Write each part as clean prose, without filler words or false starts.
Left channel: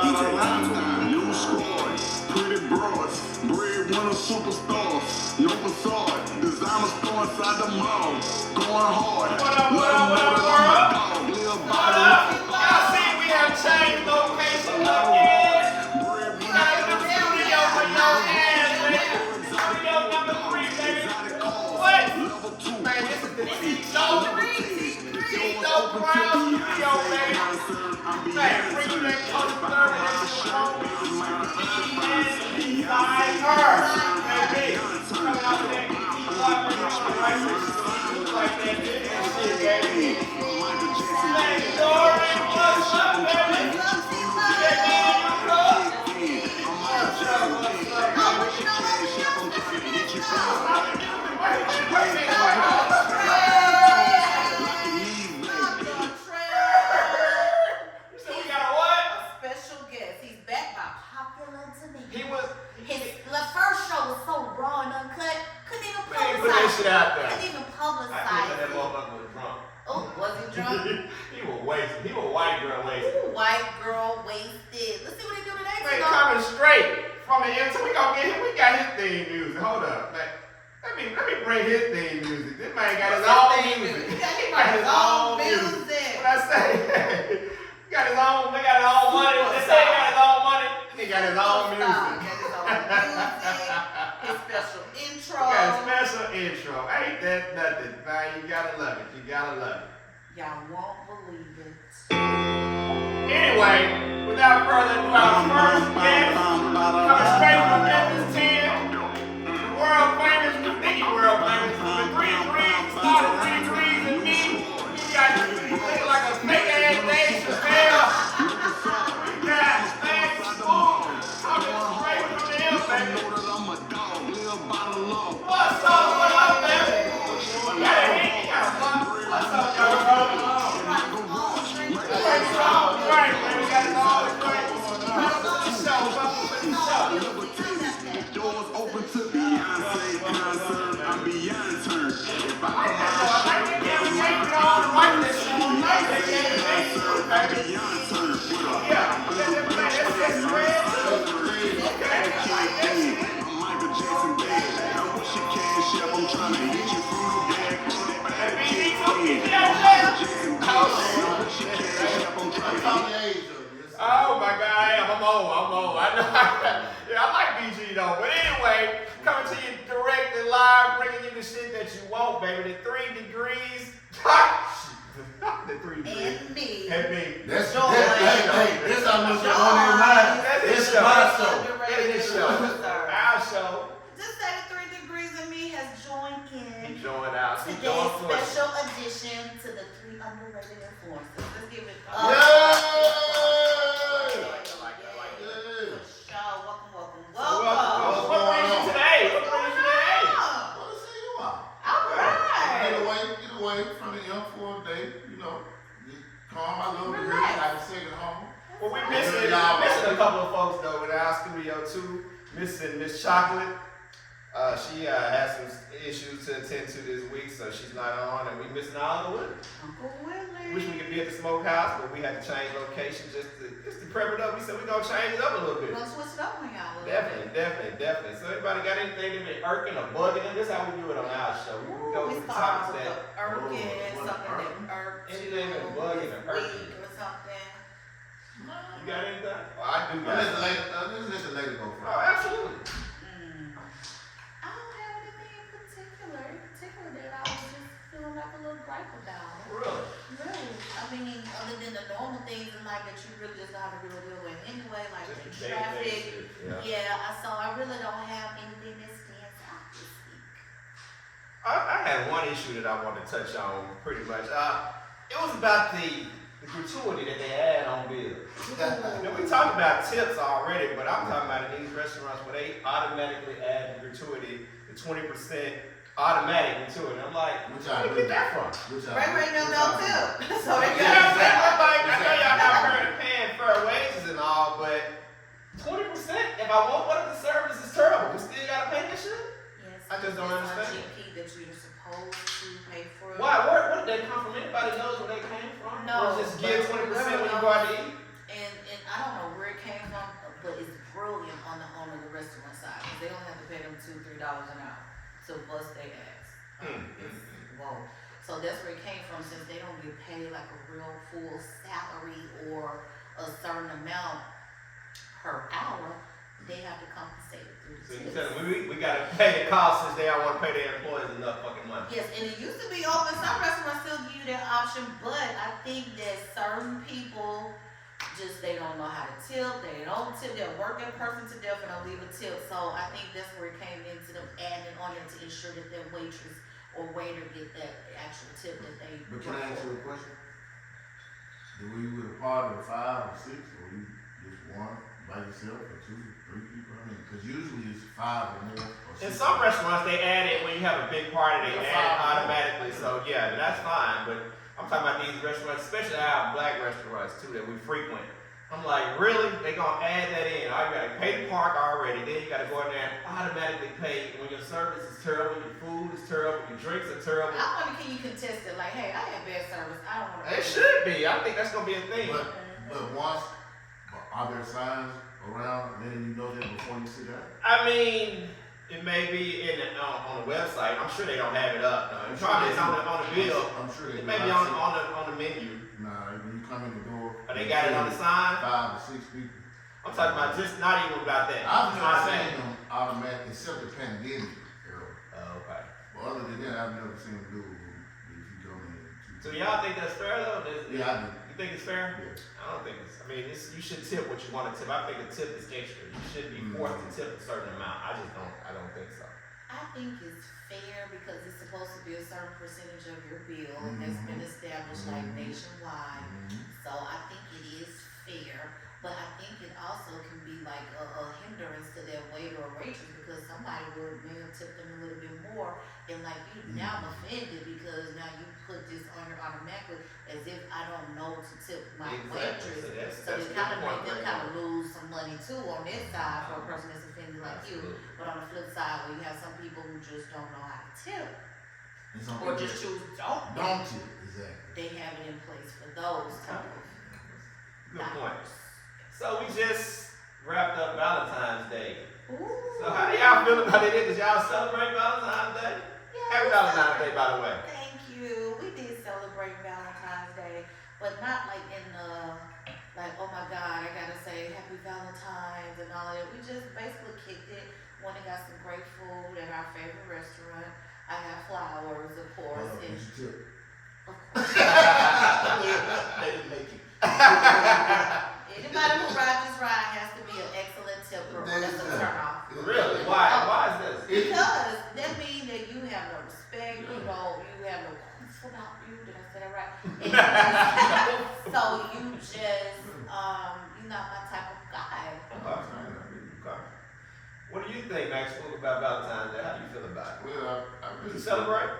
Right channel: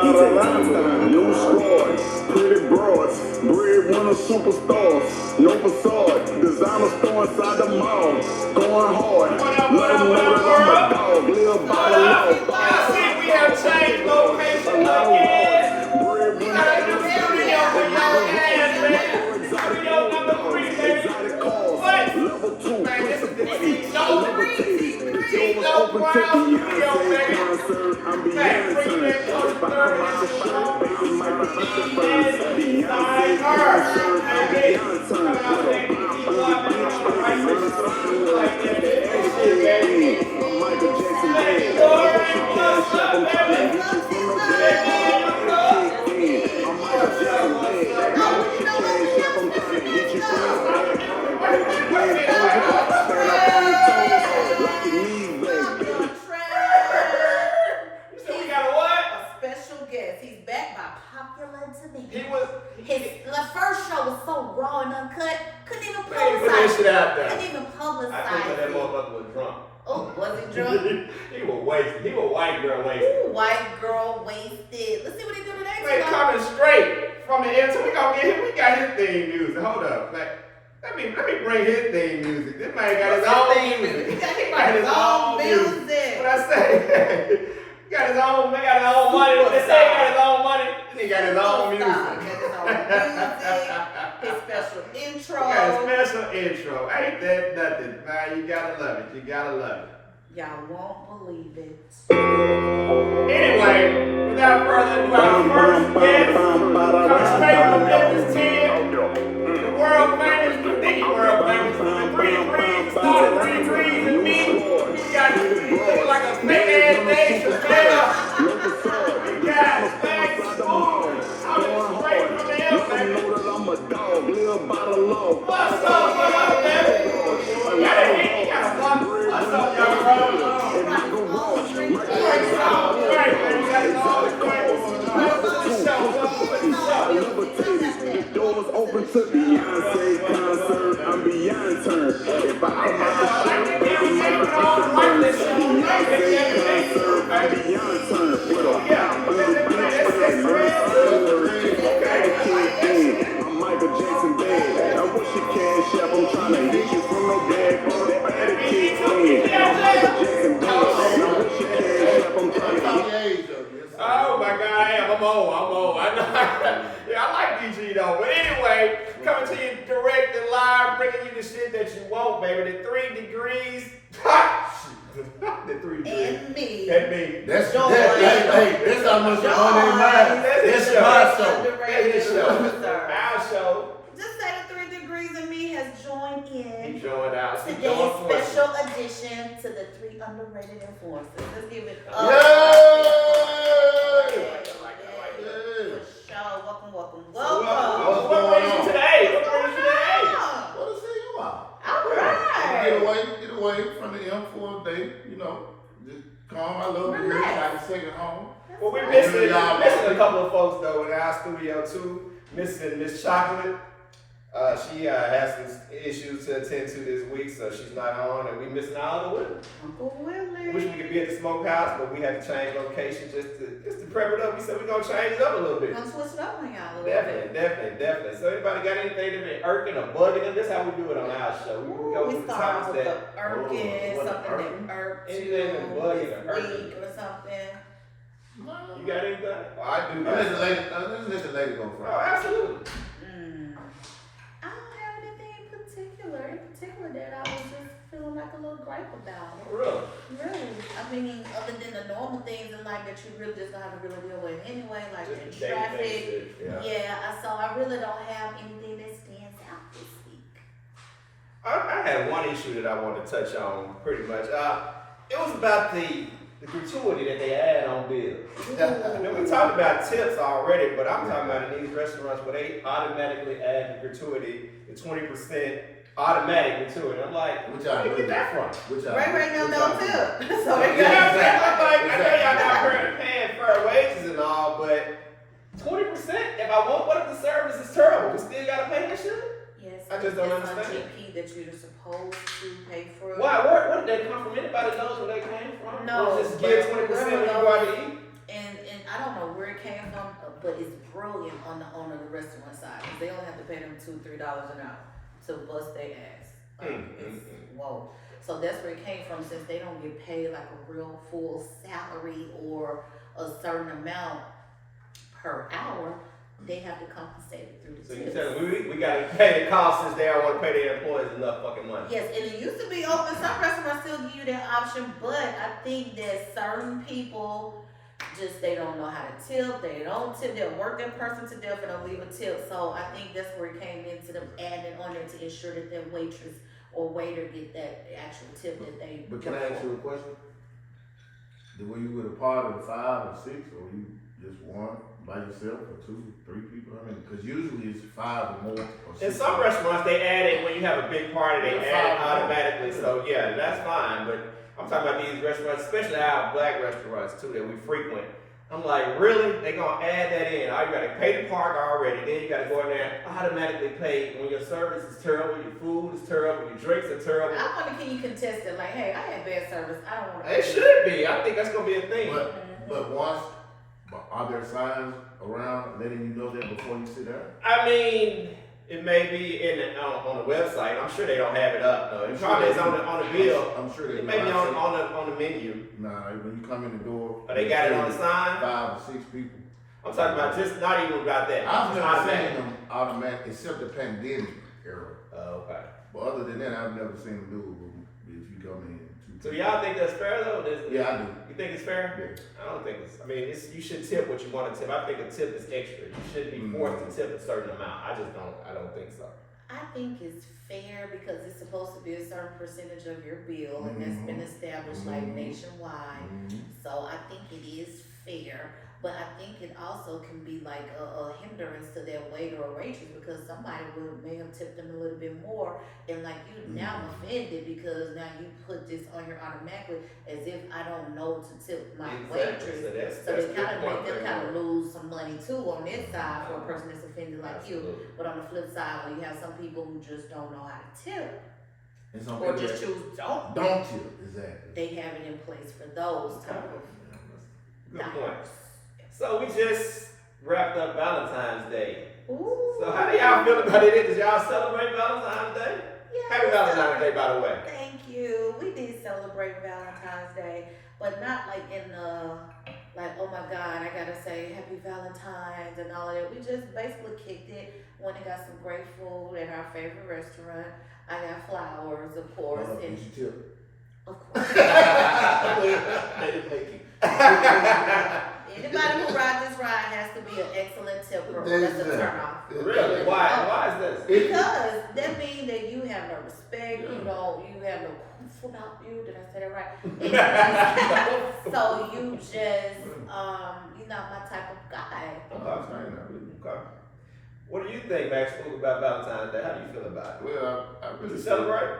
New squad, pretty broads, breadwinner superstars, no facade, designer store inside the mall, going hard, let them know that I'm a dog, live by the law. I see we have changed location again. We got a new studio for y'all guys, man. Studio number 3, man. What? Level 2, Man, this is the I T-Zone open to Brown studio, Beyonce man. concert, I'm beyond turn. If I come out the shirt, baby, might be the first. Beyonce concert, I'm beyond turn. I'm Michael Jackson, baby. What's your cash up? I'm trying to get you from the bed. I'm Michael Jackson, baby. What's your cash up? I'm trying to get you from the bed. Bitch, you ain't over. Stand up on your toes, like you need, baby. So we got a what? A special guest. He's back by popular demand. He was. The first show was so raw and uncut, couldn't even Hey, put that publicize shit out there. Couldn't even I publicize think that it. motherfucker was drunk. Oh, was he drunk? He was wasted. He was white girl wasted. Ooh, white girl wasted. Let's see what they do today. Wait, coming straight from the air. So we gonna get him. We got his theme music. Hold up, like. Let me bring his theme music. This man got his own music. He got his own music. What I say? He got his own. They got his own money. What they say? He got his own money. He got his own music. He got his own music. His special intro. He got a special intro. Ain't that nothing? Man, you gotta love it. You gotta love it. Y'all won't believe it. Anyway, without further ado, our first guest comes straight from Memphis 10. The world famous, the world famous, the 3 degrees, 2 degrees and me. We got you look like a fake ass baby, so stand up. We got things moving. Coming straight from the air, baby. I'm a dog, live by the law. What's up, baby? What's up, y'all? Open to Beyonce concert, I'm beyond turn. If I come out the shirt, baby, might be the first. Beyonce concert, I'm beyond turn. With a pop on the beach, I'm Michael Jackson, babe. Now what's your cash up? I'm trying to hit you from the bag. That better kick in. I'm Michael Jackson, babe. Now what's your cash up? I'm trying to hit you. Oh my God, I am. I'm on. I know. Yeah, I like BG though. But anyway, coming to you direct and live, bringing you the shit that you want, baby. The 3 degrees. The 3 degrees. And me. And me. That's hey, this how much you on their mind. This is my show. Underrated sir. Our show. Just say the 3 degrees and me has joined He in joined out. today's special edition to the 3 underrated influencers. Let's give it up. Yay! Welcome. What's What going brings you on? today? What brings you today? What is it you are? All right. Get away from the M for a day, you know. Just calm my little girl, Relax. I can sing at home. Well, we're missing a couple of folks though in our studio too. Missing Miss Chocolate. She has some issues to attend to this week, so she's not on, and we missing Oliver Willie. Uncle Willie. Wish we could be at the smokehouse, but we had to change location just to prep it up. We said we're gonna change it up a little bit. We're gonna switch it up on y'all a little bit. Definitely. So everybody got anything that been irking or bugging? This is how we do it on our show. We go We through the start topics with the that irking, something that irked Anything that's bugging or this irking. week or something. you got anything? Well, I do. Let's let the lady go Oh, first. absolutely. I don't have anything in particular that I was just feeling like a little gripe about. Really? Really, I mean, other than the normal things in life that you really just don't have to really deal with anyway, like the Just the day-to-day traffic. shit, Yeah, so I really don't have anything that stands out this week. I had one issue that I wanted to touch on pretty much. It was about the gratuity that they add on bills. Now, we talked about tips already, but I'm talking about in these restaurants where they automatically add the gratuity, the 20% automatic gratuity. I'm like, Which where I did you do. get that from? Ray don't tip. So I they got know y'all not paying fair wages and all, but 20%, if I want, what if the service is terrible? We still gotta pay that shit? Yes, I just don't it's understand. on GP that you're supposed supposed to pay for it. Why? Where did they come from? Anybody knows where they came from? No, Or just give but 20% when you whoever go out to eat? And I don't know where it came from, but it's brilliant on the owner of the restaurant side. 'Cause they only have to pay them $2-3 an hour to bust their ass. Whoa. So that's where it came from, since they don't get paid like a real full salary or a certain amount per hour, they have to compensate it through the So you tips. said we gotta pay the cost since they don't want to pay their employees enough fucking money. Yes, and it used to be open. Some restaurants still give you that option, but I think that certain people just, they don't know how to tip. They don't tip. They'll work that person to death and they'll leave a tip. So I think that's where it came into them adding on there to ensure that their waitress or waiter get that actual tip that they. But can I ask you a question? Were you with a party of 5 or 6, or you just one by yourself, or 2, 3 people? I mean, because usually it's 5 or more. Or 6 In some restaurants, they add it when you have a big party. They Yeah, add it 5 or more. automatically. So yeah, that's fine. But I'm talking about these restaurants, especially our black restaurants too that we frequent. I'm like, really? They gonna add that in? Oh, you gotta pay the park already. Then you gotta go in there and automatically pay when your service is terrible, your food is terrible, your drinks are terrible. I wonder, can you contest it? Like, hey, I had bad service. I don't want to. It should be. I think that's gonna be a thing. But once, are there signs around letting you know that before you sit down? I mean, it may be on the website. I'm sure they don't have it up. No, it probably is on the bill. I'm sure they It do. may be on the menu. Nah, when you come in the door. Or they got it on the sign. 5 or 6 people. I'm talking about just not even about that. I've never Automatic. seen them automatic, except the pandemic era. Oh, okay. But other than that, I've never seen them do it if you come in. So y'all think that's fair though? Yeah, I do. You think it's fair? Yeah. I don't think it's. I mean, you should tip what you want to tip. I think a tip is extra. You shouldn't be forced to tip a certain amount. I don't think so. I think it's fair because it's supposed to be a certain percentage of your bill, and that's been established like nationwide. So I think it is fair, but I think it also can be like a hindrance to that waiter or waitress because somebody may have tipped them a little bit more, and like you now I'm offended because now you put this on your automatically as if I don't know to tip my waitress. So they kind of make them kind of lose some money too on this side for a person that's offended like you. But on the flip side, when you have some people who just don't know how to tip And some or people just choose don't tip, exactly. they have it in place for those type of Good point. dollars. So we just wrapped up Valentine's Day. Ooh. So how do y'all feel about it? Does y'all celebrate Valentine's Day? Yeah, Happy we Valentine's Day, celebrate- by the way. Thank you. We did celebrate Valentine's Day, but not like in the like, oh my God, I gotta say Happy Valentine's and all of that. We just basically kicked it. Went and got some great food at our favorite restaurant. I got flowers, of course, You and should tip. of course. I didn't make you. Anybody who rides this ride has to be an excellent tipper. That's a turn off. Really? Why is this? Because that means that you have no respect, you have no quotes about you. Did I say that right? And so you just, you're not my type of guy. Okay. What do you think, Max, about Valentine's Day? How do you feel about it? Well, I Do really you celebrate?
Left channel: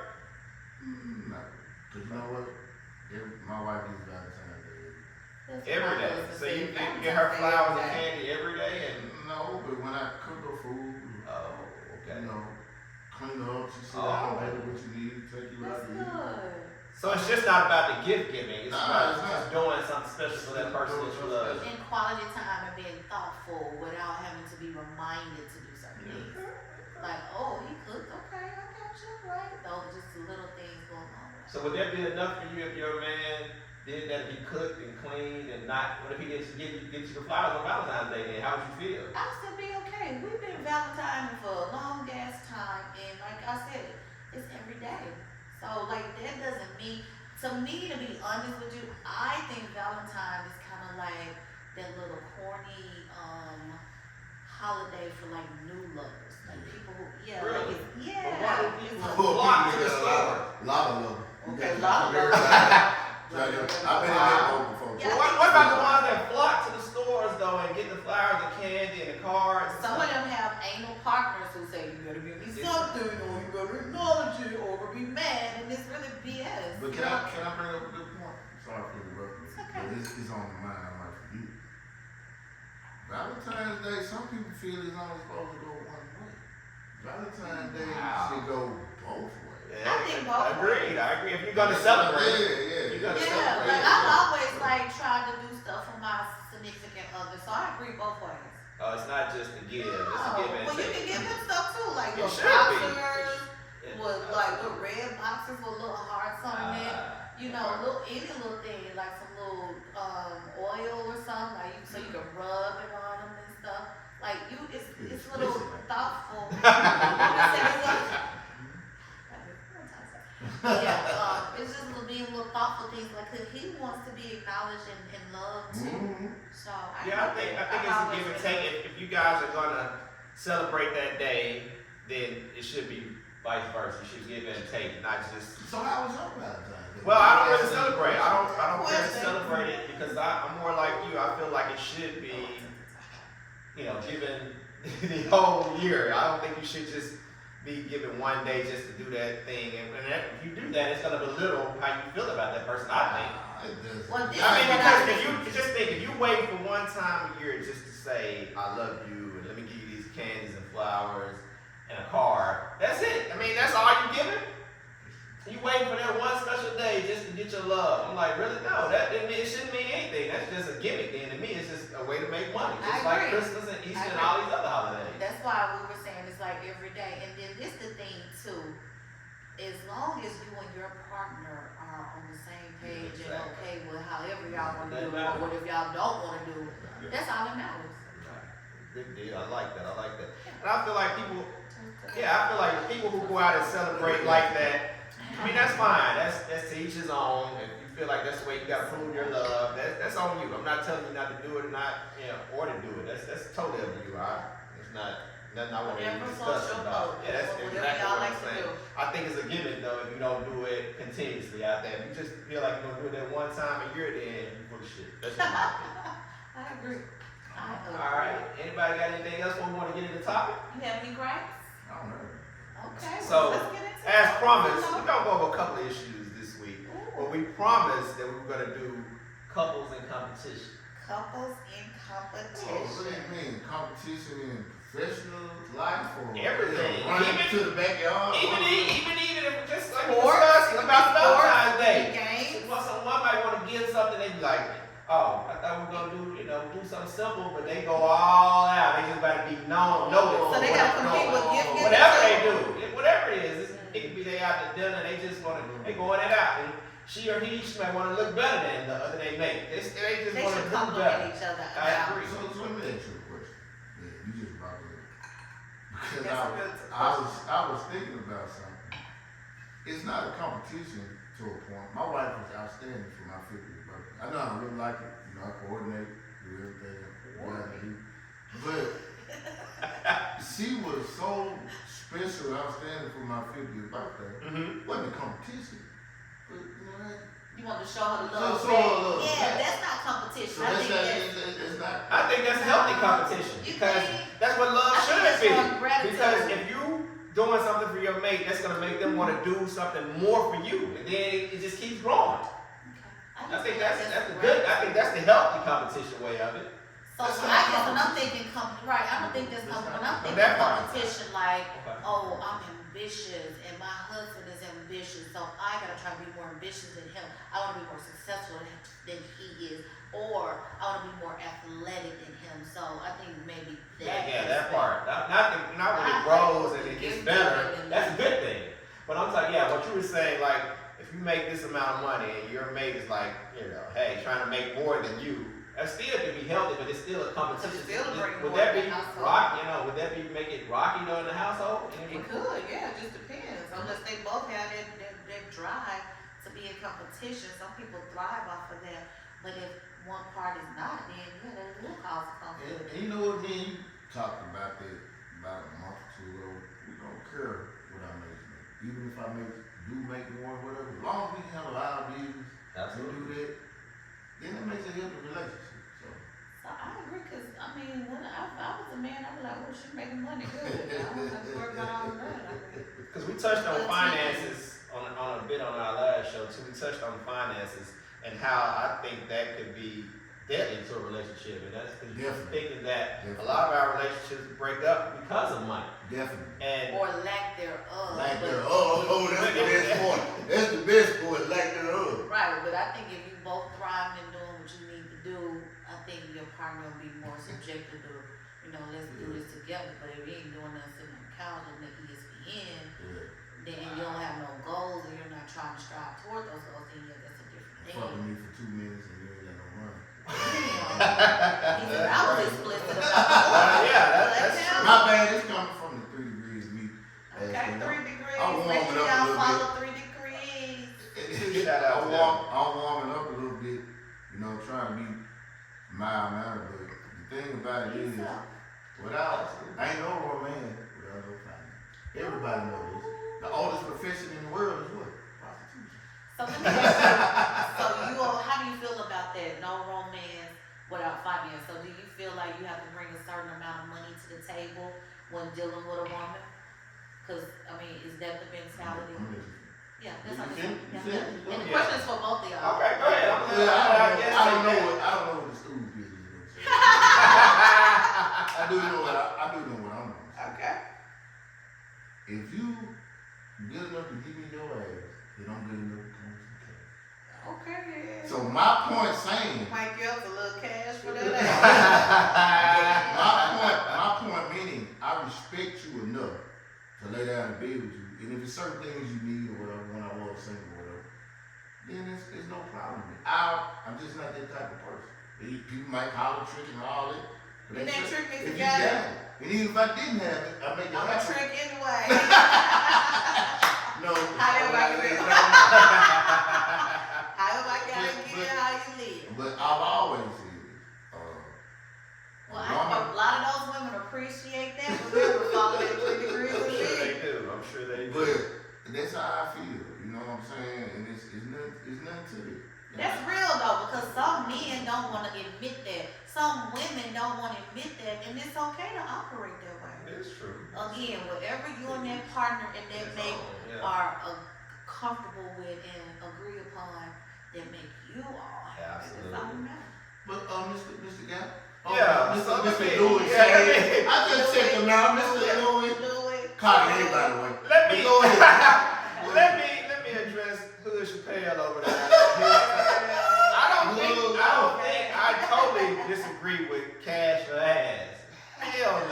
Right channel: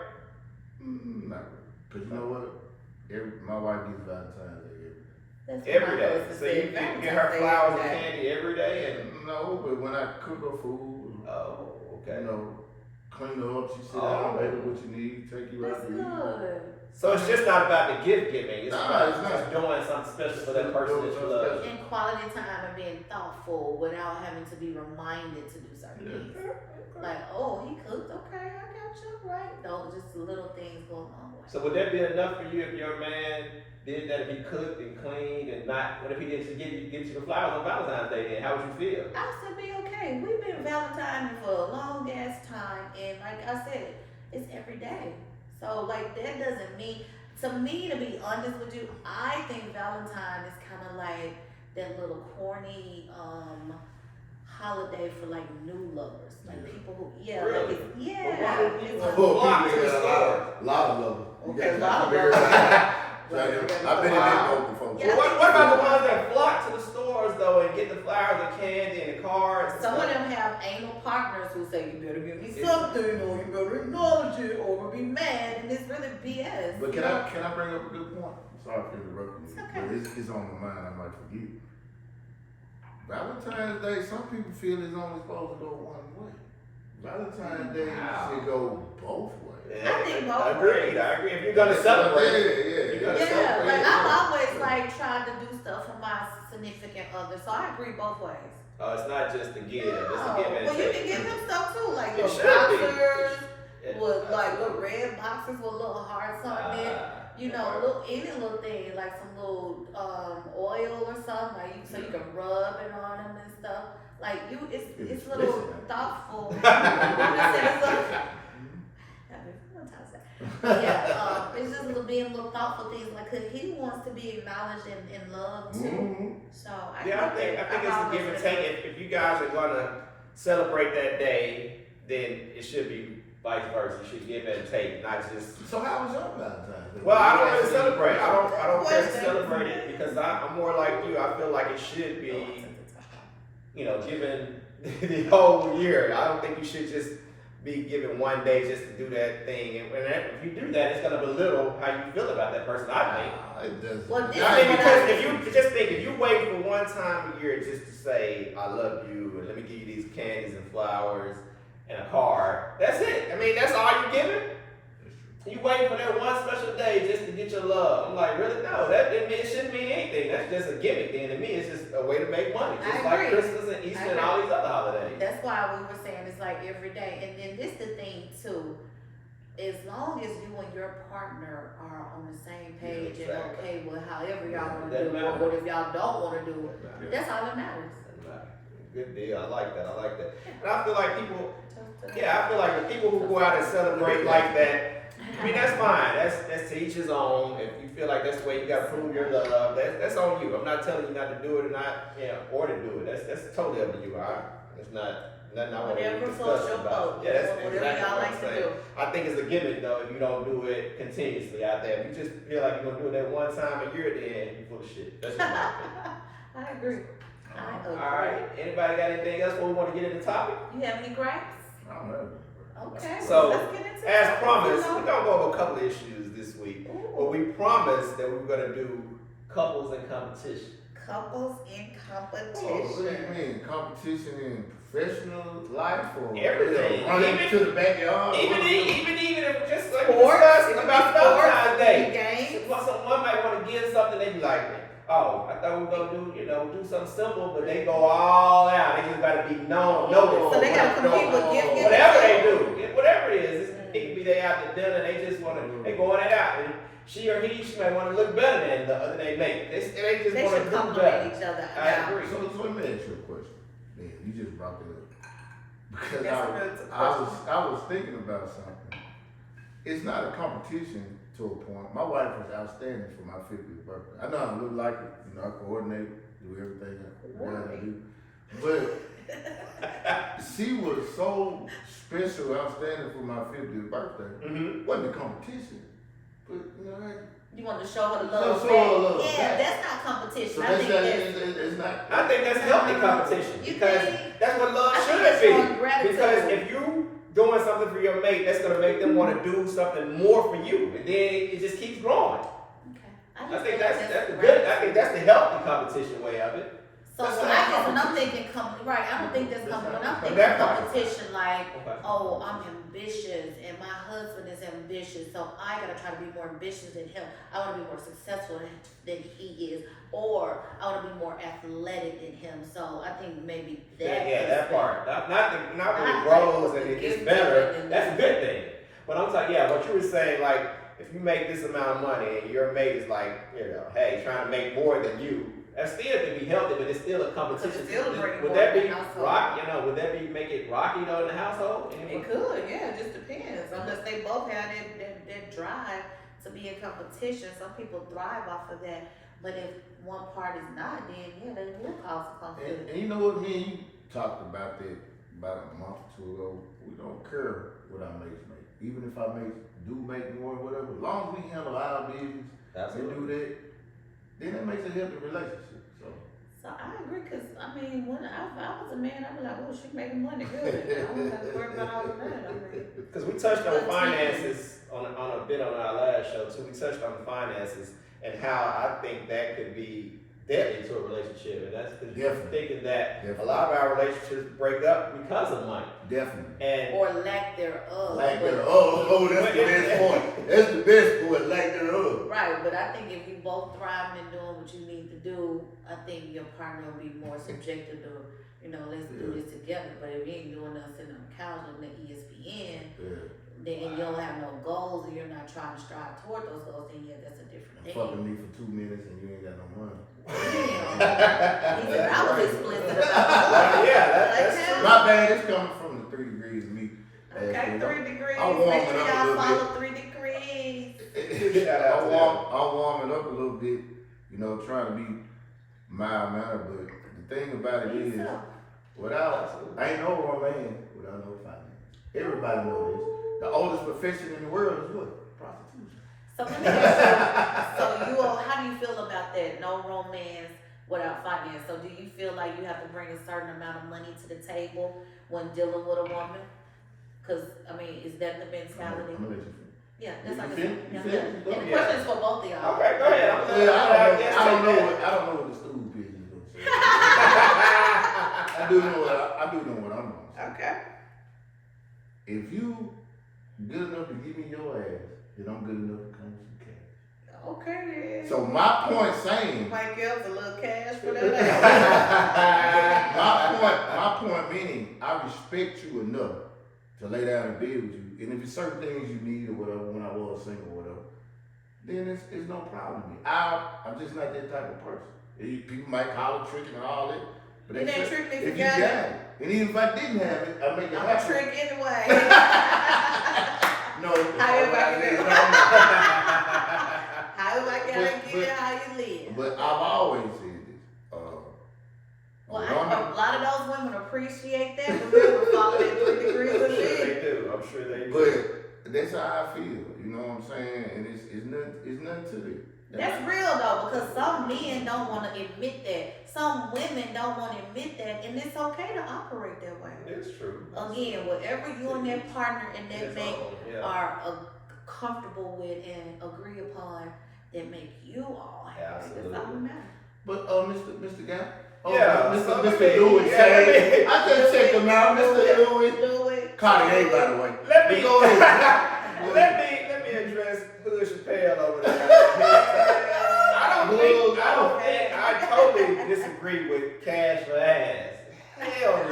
No. Because you know what? My wife gets Valentine's Day. That's what Every my day. husband So you said, get her Valentine's Day flowers and every day. candy every day? And No, but when I cook her food, oh, okay. you know, clean her up, she sit down, baby, what you need, take you out That's to eat. good. So it's just not about the gift giving. It's Nah, about it's not. just doing something special for that person that you love. And quality time and being thoughtful without having to be reminded to do certain things. Like, oh, he cooked, okay, I got you, right? Those just little things going on. So would that be enough for you if your man did that, if he cooked and cleaned and not, what if he didn't get you the flowers on Valentine's Day then? How would you feel? I'll still be okay. We've been Valentine's for a long ass time, and like I said, it's every day. So like that doesn't mean, to me, to be honest with you, I think Valentine is kind of like that little corny holiday for like new lovers, like people who Really? like it's, But why would people it's Oh, flock to people the get store? a lot of them. Okay, a lot of them. I've been in that boat before. Yeah. What about the ones that flock to the stores though and get the flowers and candy and the cards? and Some of stuff? them have anal partners who say you better give me something, or you better acknowledge it, or we'll be mad, and it's really BS. But can I bring up a good point? Sorry for interrupting you, okay. but it's on my mind. I might forget. Valentine's Day, some people feel it's only supposed to go one way. Valentine's Day should go both ways. I think both Agreed. I agree. If you're gonna celebrate, Yeah. Yeah, like I've always like tried to do stuff for my significant other, so I agree both ways. It's not just a give. It's a No, give and well, you take. can give him stuff too, like It little should be. boxers with like little red boxes with little hearts on it. You know, any little thing, like some little oil or something, like you, so you can rub it on them and stuff. Like it's little thoughtful. I'm just saying, it's little- yeah, it's just little thoughtful things, like 'cause he wants to be acknowledged and loved too. Mm-hmm. So I Yeah, I think it's a give and take. If you guys are gonna celebrate that day, then it should be vice versa. You should give and take, not just. So how was your Valentine's Day? Well, I don't really celebrate. I don't care to Question. celebrate it because I'm more like you. I feel like it should be, given the whole year. I don't think you should just be given one day just to do that thing. And if you do that, it's gonna belittle how you feel about that person. I think. It doesn't. Well, this I mean, is because if you just think, if you wait for one time a year just to say I love you and let me give you these candies and flowers and a card, that's it. I mean, that's all you giving. You waiting for that one special day just to get your love. I'm like, really? No, it shouldn't mean anything. That's just a gimmick. Then to me, it's just a way to make money, just I like agree. Christmas and Easter I and agree. all these other holidays. That's why we were saying it's like every day. And then this the thing too. As long as you and your partner are on the same page and okay with however y'all want to do it, or what if y'all don't want to do it, that's all that matters. Good deal. I like that. And I feel like people, I feel like the people who go out and celebrate like that, I mean, that's fine. That's to each his own. If you feel like that's the way you gotta prove your love, that's on you. I'm not telling you not to do it or not, or to do it. That's totally up to you. It's not nothing I want to Whatever discuss floats your about. boat. Yeah, that's Whatever exactly y'all what like I'm to saying. do. I think it's a gimmick though if you don't do it continuously out there. If you just feel like you're gonna do it that one time a year, then you're full of shit. That's what my opinion. I agree. I agree. All right. Anybody got anything else before we want to get into the topic? You have any gripes? I don't know. Okay. So, let's get into As it. promised, we're gonna go over a couple of issues this week. But we promised that we were gonna do couples in competition. Couples in What do competition. you mean? Competition in professional life or Everything. running Even- to the backyard? Even if just like we Sports, discussed about Valentine's Day. games. Well, someone might want to give something, they be like, oh, I thought we were gonna do something simple, but they go all out. They just gotta be noticed. So they gotta compete with gift giving. Whatever they do, whatever it is, it can be they out to dinner, they just they going it out. And she might want to look better than the other they make. They just They want to should do compliment better. each other. I agree. So let me ask you a question. Yeah, you just brought that up. Because That's a good I was thinking about something. It's not a competition to a point. My wife was outstanding for my 50th birthday. I know I really like it. I coordinate, do everything that I do. But she was so special, outstanding for my 50th birthday. Mm-hmm. It wasn't a competition. But You want to show her the So love show her back. love Yeah, back. that's not competition. so I think it's not. I think that's healthy competition You because think? that's what love I think should that's be. showing gratitude. Because if you doing something for your mate, that's gonna make them want to do something more for you, and then it just keeps growing. I think that's the good. I think that's the healthy competition way of it. So That's when not I guess when I'm competition. thinking right, I don't think that's when I'm thinking That part. competition like, Okay. oh, I'm ambitious and my husband is ambitious, so I gotta try to be more ambitious than him. I wanna be more successful than he is, or I wanna be more athletic than him. So I think maybe that. Yeah, that part. Not when Not it grows and it gets gift better. giving and That's a good thing. But I'm talking, what you were saying, like, if you make this amount of money and your mate is like, hey, trying to make more than you, that still can be healthy, but it's still a competition. It's still bring Would more that in be the household. rock? Would that be make it rocky though in the household? It could, yeah, it just depends. Unless they both have that drive to be in competition. Some people thrive off of that. But if one part is not, then they will cause a conflict. And you know what, me and you talked about that about a month or two ago. We don't care what our mates make. Even if our mates do make more or whatever, as long as we handle our business and do that, then that makes a healthy relationship. So I agree, cause I mean, when I was a man, I'd be like, oh, she's making money good. I wouldn't have to worry about all of that. I mean, Because we touched on Good finances on a bit on our last show too. We touched on the finances and how I think that could be depth into a relationship, and that's the Definitely. thinking that Definitely. a lot of our relationships break up because of money. Definitely. And Or lack thereof. Like but- that. Oh, that's the best point. That's the best point. Like that. Right, but I think if you both thriving and doing what you need to do, I think your partner will be more subjected to, let's do this together. But if you ain't doing nothing sitting on the couch and the ESPN, then you don't have no goals and you're not trying to strive toward those goals, then yeah, that's a different thing. Fucking me for 2 minutes and you ain't got no money. Damn. He said I was explicit about Well, yeah, that's Like, true. My bad. It's coming from the 3 degrees of me. Okay, 3 degrees. I'm warming Make sure up a y'all little follow 3 degrees. Shout out to I'm warming up a little bit, trying to be mild mannered, but the thing about it is, I ain't no man without no finance. Everybody knows this. The oldest profession in the world is what? Prostitution. So let me ask you, how do you feel about that? No romance without finance. So do you feel like you have to bring a certain amount of money to the table when dealing with a woman? Because, is that the mentality? I'm gonna let you finish. Yeah, that's You like feel- yeah. you feel- you And the feel- question is for both of y'all. Okay, go ahead. I don't know what the stool business looks like. I do know what I'm doing. Okay. If you good enough to give me your ass, then I'm good enough to come with some cash. Okay. So my point saying, Might give us a little cash for that. my point meaning, I respect you enough to lay down and be with you. And if there's certain things you need or whatever, when I was single or whatever, then it's no problem with me. I'm just not that type of person. People might call it tricking and all that. But It that's ain't it. trick me if If you you got got it. it. And even if I didn't have it, I make it I'm a happen. trick anyway. No, However I can that's do what I However I gotta But- get how you live. But I've always said this. Well, woman- a lot of those women appreciate that. Remember, follow that 3 degrees I'm of sure me. they do. I'm sure they do. But that's how I feel. You know what I'm saying? And it's nothing to it. That's real though, because some men don't want to admit that. Some women don't want to admit that, and it's okay to operate that way. It's true. Again, whatever you and that partner and that It's mate all, yeah. are comfortable with and agree upon, that make you all happy. That's all that matters. But Mr. Guy. Yeah, Mr. so Mr. let me- Lewis. yeah, let me- I just checked him out, Mr. Lewis. Do it. Cartier, by the way. Let me Go ahead. let me address Hood Chappelle over there. I totally disagree with cash for ass. Hell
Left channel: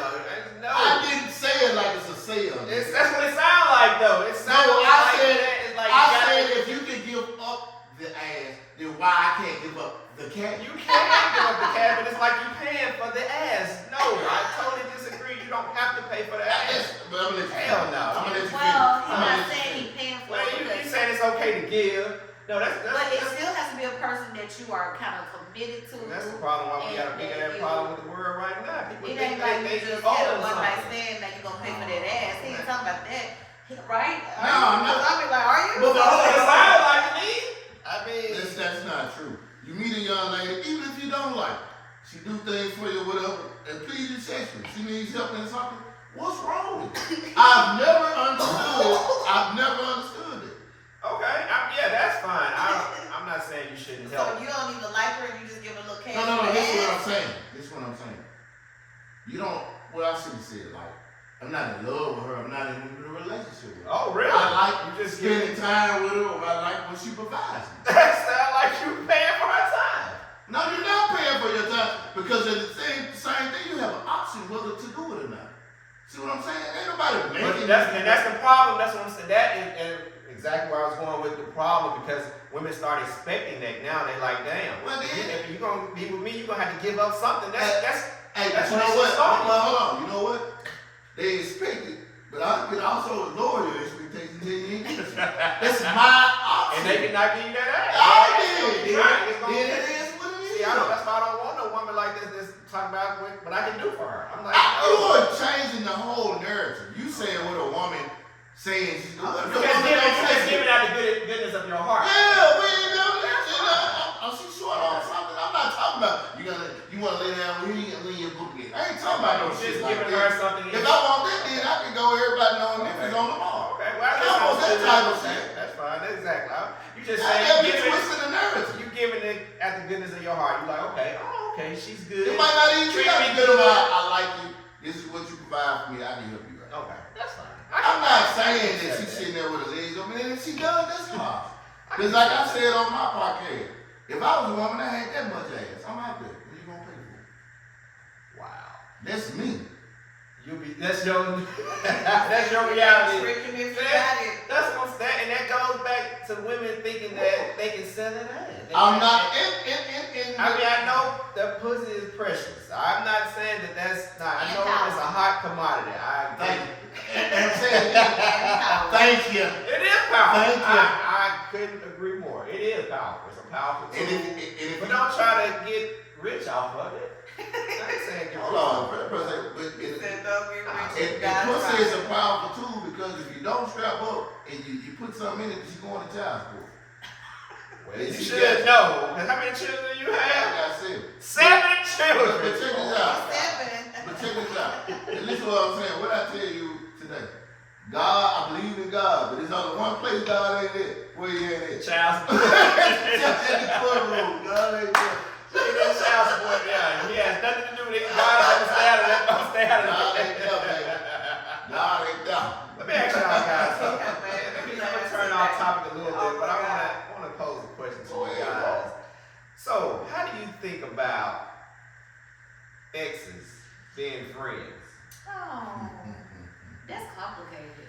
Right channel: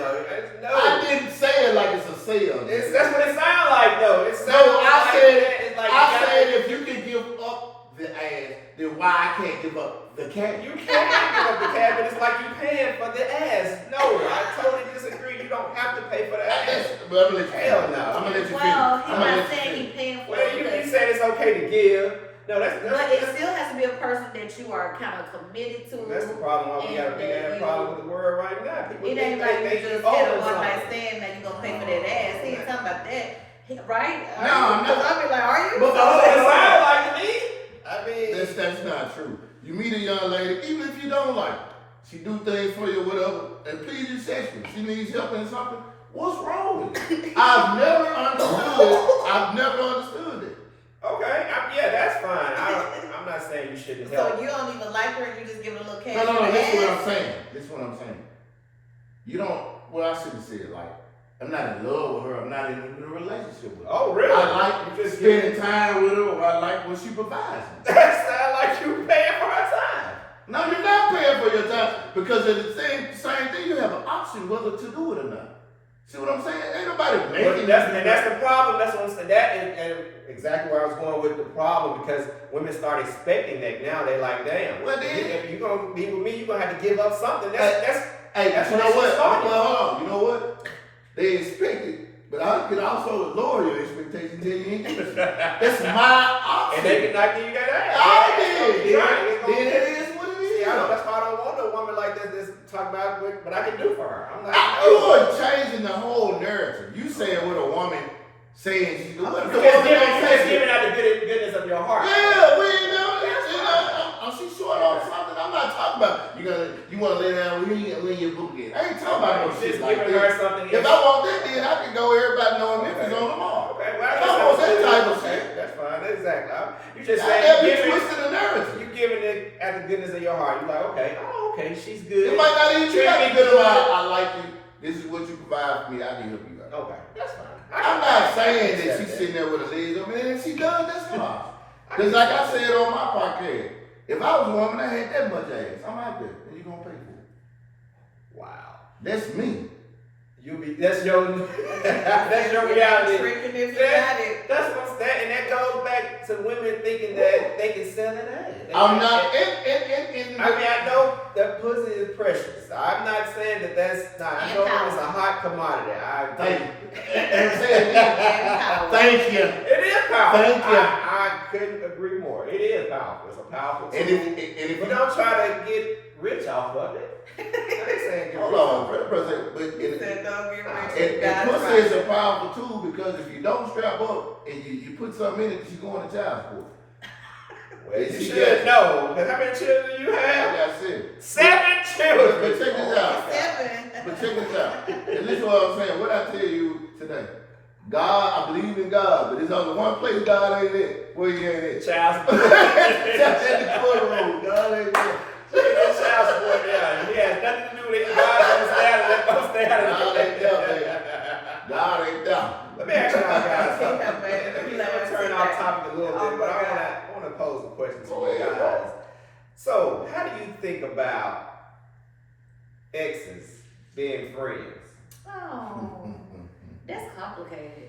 no. I didn't say it like it's a sale. That's what it sounds like though. It sounds No, I like said, it's like I said if you can give up the ass, then why I can't give up the cash? you can't give up the cash, but it's like you paying for the ass. No, I totally disagree. You don't have to pay for the ass. But I'm gonna let you Hell finish. no. I'm gonna let you finish. Well, I'm he's gonna not let you saying finish. he's paying for Well, it you because, said it's okay to give. No, but it still has to be a person that you are kind of committed to. That's the problem. Why we got a big ass problem with the world right now. People It think ain't like they you just owe had a them one night something. stand, now you gonna pay for that ass. He ain't talking about that, right? No, I'm not. I be like, are you? But That's what it sounds like to me. I mean, That's not true. You meet a young lady, even if you don't like her, she do things for you, whatever, and please you sexual. She needs help in something. What's wrong with it? I've never understood it. okay, yeah, that's fine. I'm not saying you shouldn't help. So you don't even like her, you just give her a little cash. No, for the this is what ass? I'm saying. This is what I'm saying. You don't, well, I should have said, like, I'm not in love with her, I'm not in a relationship with her. Oh, really? I like you just spending time with her, or I like when she provides me. That sound like you paying for her time. No, you're not paying for your time, because at the same thing, you have an option whether to do it or not. See what I'm saying? Ain't nobody But making that's the problem. That's what I'm saying. That is and exactly where I was going with the problem, because women start expecting that now. They like, damn. Well, then- if you're gonna be with me, you're gonna have to give up something. That's Hey, That's you what know they what? should start. Hold on. You know what? They expect it, but I can also lower your expectations and you ain't getting it. That's my option. and they cannot give you that ass. I Right. did. Right. It's Then gonna- it is what it is. See, that's why I don't want no woman like this. This talk about what I can do for her. I'm like, You no. are changing the whole narrative. You saying what a woman saying she's doing. You're just giving out the goodness of your heart. Yeah, she's short on something. I'm not talking about you want to lay down with me and when you book it. I ain't talking about no Just shit like giving her that. something. If I want that, then I can go everybody knowing Memphis on tomorrow. Okay, well, I don't want that type of shit. That's fine. Exactly. You just That be saying twisting the narrative. you giving the it at the goodness of your heart. You're like, okay, she's good. You might not even Treat treat me me good good. about I like you. This is what you provide for me. I can help you out. Okay, that's fine. I'm not saying that accept she's sitting there with her legs up, and if she does, that's fine. Because like I said on my podcast, if I was a woman, I had that much ass. I'm out there. What you gonna pay for? Wow. That's me. That's your reality. Tricking if you got it. That's what's that, and that goes back to women thinking that they can sell it out. I'm not I mean, I know that pussy is precious. I'm not saying that that's not. I know it's a hot commodity. Thank you. And say it again. Thank you. It is powerful. Thank you. I couldn't agree more. It is powerful. It's a powerful tool. And if But don't try to get rich off of it. I ain't saying get hold rich on, off of it. President, but He said don't get rich. and pussy is a powerful tool because if you don't strap up and you put something in it, you going to child support. Well, you She should got- know. Because how many children do you I have? got said. 7 But children. check this out. Seven. But check this out. And listen to what I'm saying. What I tell you today. God, I believe in God, but there's only one place God ain't at. Where you ain't at? Child support. Just in the courtroom. God ain't there. Child support, yeah. He has nothing to do with it. God don't stay out of that. Don't stay out of God ain't there, that. baby. God ain't there. Let me ask y'all guys something. Yeah, baby. Let me turn off topic a little bit, but I want to pose a question to you guys. So, how do you think about exes being friends? Oh, that's complicated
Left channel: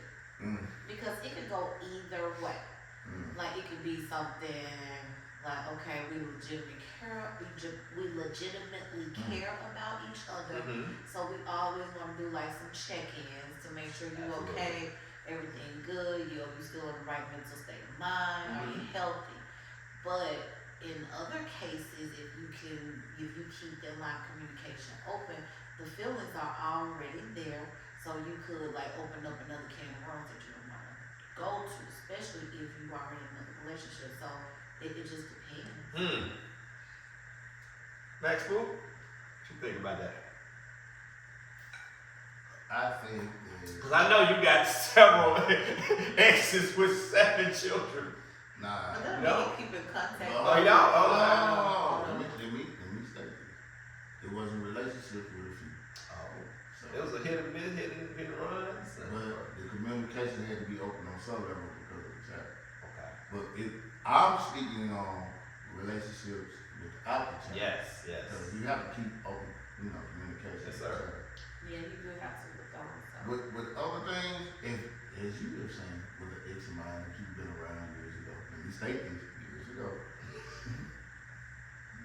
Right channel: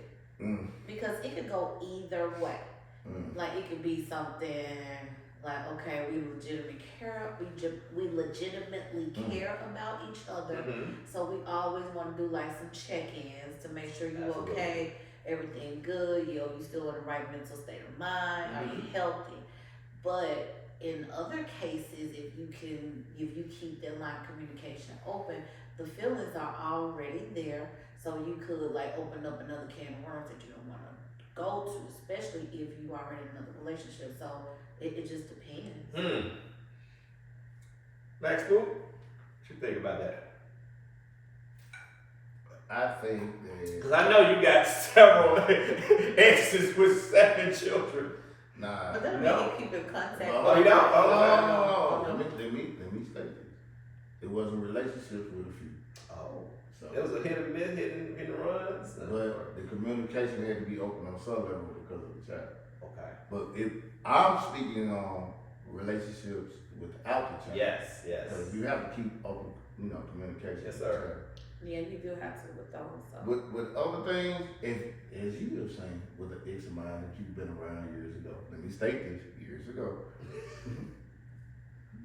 because it could go either way. Like it could be something like, okay, we legitimately care about each other. So we always want to do like some check-ins to make sure you okay, everything good, you still in the right mental state of mind, are you healthy? But in other cases, if you keep that line of communication open, the feelings are already there. So you could like open up another can of worms that you don't want to go to, especially if you are in another relationship. So it just depends. Max Boop, what you think about that? I think that. Because I know you got several exes with 7 children. Nah. But then No. we can keep in contact. Oh, you don't? No. Let me state this. It was a relationship with a few. Oh. So, It was a hit and miss, hit and run. but the communication had to be open on some level because of the child. Okay. But I'm speaking on relationships without the child. Yes. Because you have to keep open, communication. Yes, with the sir. child. Yeah, you do have to with those. So. With other things, as you were saying, with an ex of mine that you've been around years ago, let me state this, years ago,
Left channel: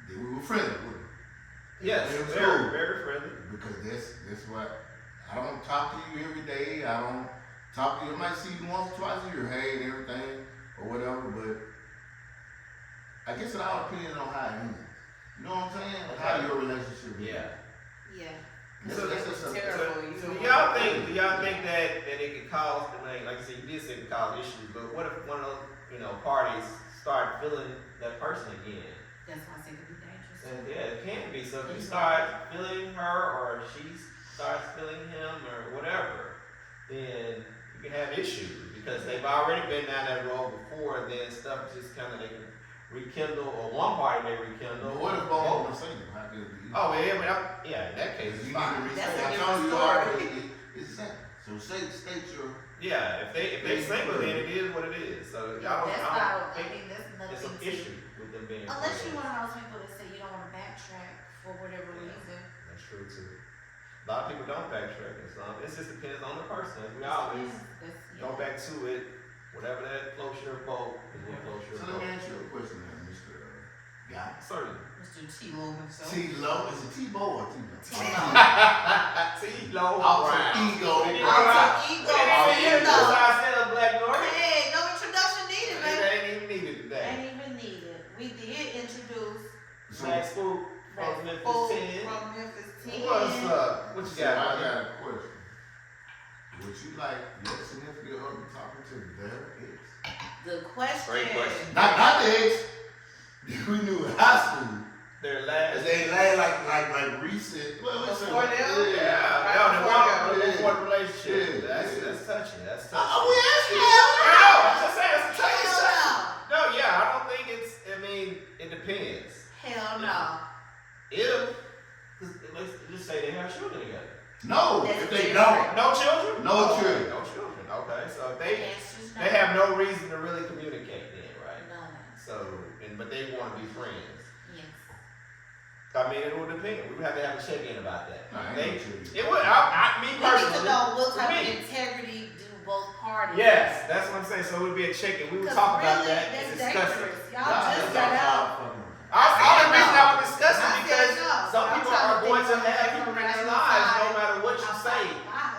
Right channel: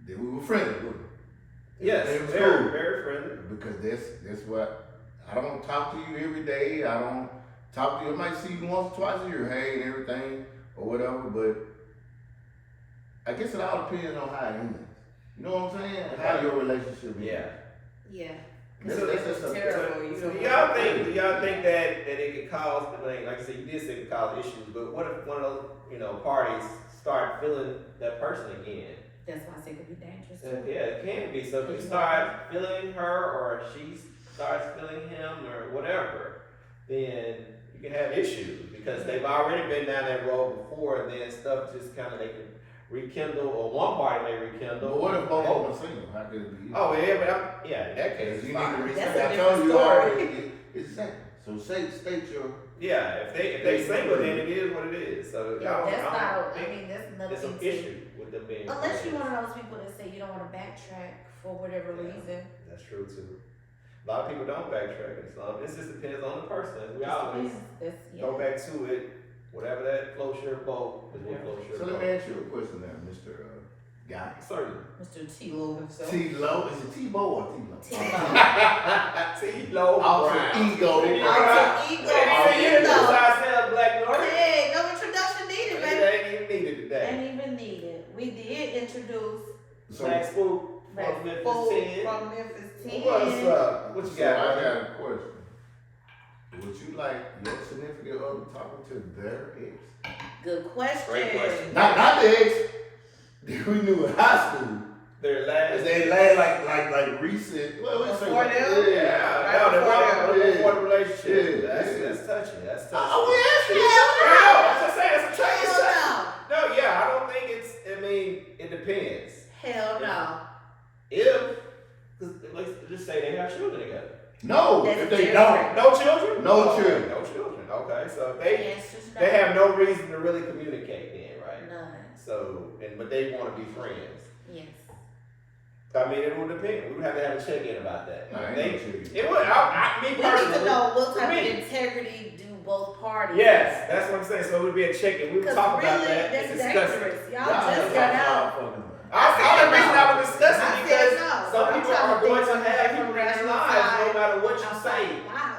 that we were friendly with her. Yes, It was very, cool. very friendly. Because that's what, I don't talk to you every day, I don't talk to you, I might see you once or twice a year, hey, and everything, or whatever, but I guess it all depends on how it ends. You know what I'm saying? How your relationship is. Yeah. That's Terrible. You So don't do want y'all think that it could cause, like I said, you did say it could cause issues, but what if one of those, parties start feeling that person again? That's why I say it could be dangerous. And yeah, it can be. So if you start feeling her or she starts feeling him or whatever, then you can have issues because they've already been down that road before, and then stuff just kind of they can rekindle, or one party may rekindle. But what if both of them are single? How could it be? Oh yeah, but in that case, Because you fine. need to That's respect. a I told different you story. already. It's simple. So state your. Yeah, if they single, then it is what it is. So Yeah, I that's don't not. think I mean, that's there's nothing an to. issue with them being. Unless you're friends. one of those people that say you don't want to backtrack for whatever reason. That's true too. A lot of people don't backtrack and stuff. It just depends on the person. We always go back to it. Whatever that floats your boat is what floats your So let boat. me ask you a question now, Mr. Guy. Certainly. Mr. T-Lo himself. T-Lo, is it T-Bo or T-Lo? T-Lo. T-Lo Alter Brown. ego. Alter ego. T-Lo. Black North. Hey, no introduction needed, baby. It ain't even needed today. Ain't even needed. We did introduce So, Black Spook Black from Memphis Folk 10. from Memphis 10. What's up? What you so I got? got a question. Would you like your significant other talking to their ex? Good question. Great question. Not the ex that we knew in high school. Their last. They last like recent. Before them? Yeah, Right before them. before the relationship. Yeah, That's yeah. touching. That's touching. Oh, I yeah, know, I'm just saying, it's a touchy Hell subject. No, yeah, I don't think it's, I mean, it depends. Hell no. If, let's just say they have children together. No, That's if they different. don't. No children? No Okay, children. No children. Okay, so The they answer's no. they have no reason to really communicate then, right? None. So, but they want to be friends. Yes. I mean, it would depend. We would have to have a check-in about that. I ain't They- no children. It would. Me We need personally. to know what type me. of integrity do both parties. Yes, that's what I'm saying. So it would be a check-in. We would Because talk really, about that that's and discuss it. dangerous. Y'all Y'all just just got all out. fucking- I the reason I would discuss I it said because no, but some I'm people trying are to going think to from have a people in their rational lives side. no matter what you Outside say. the box.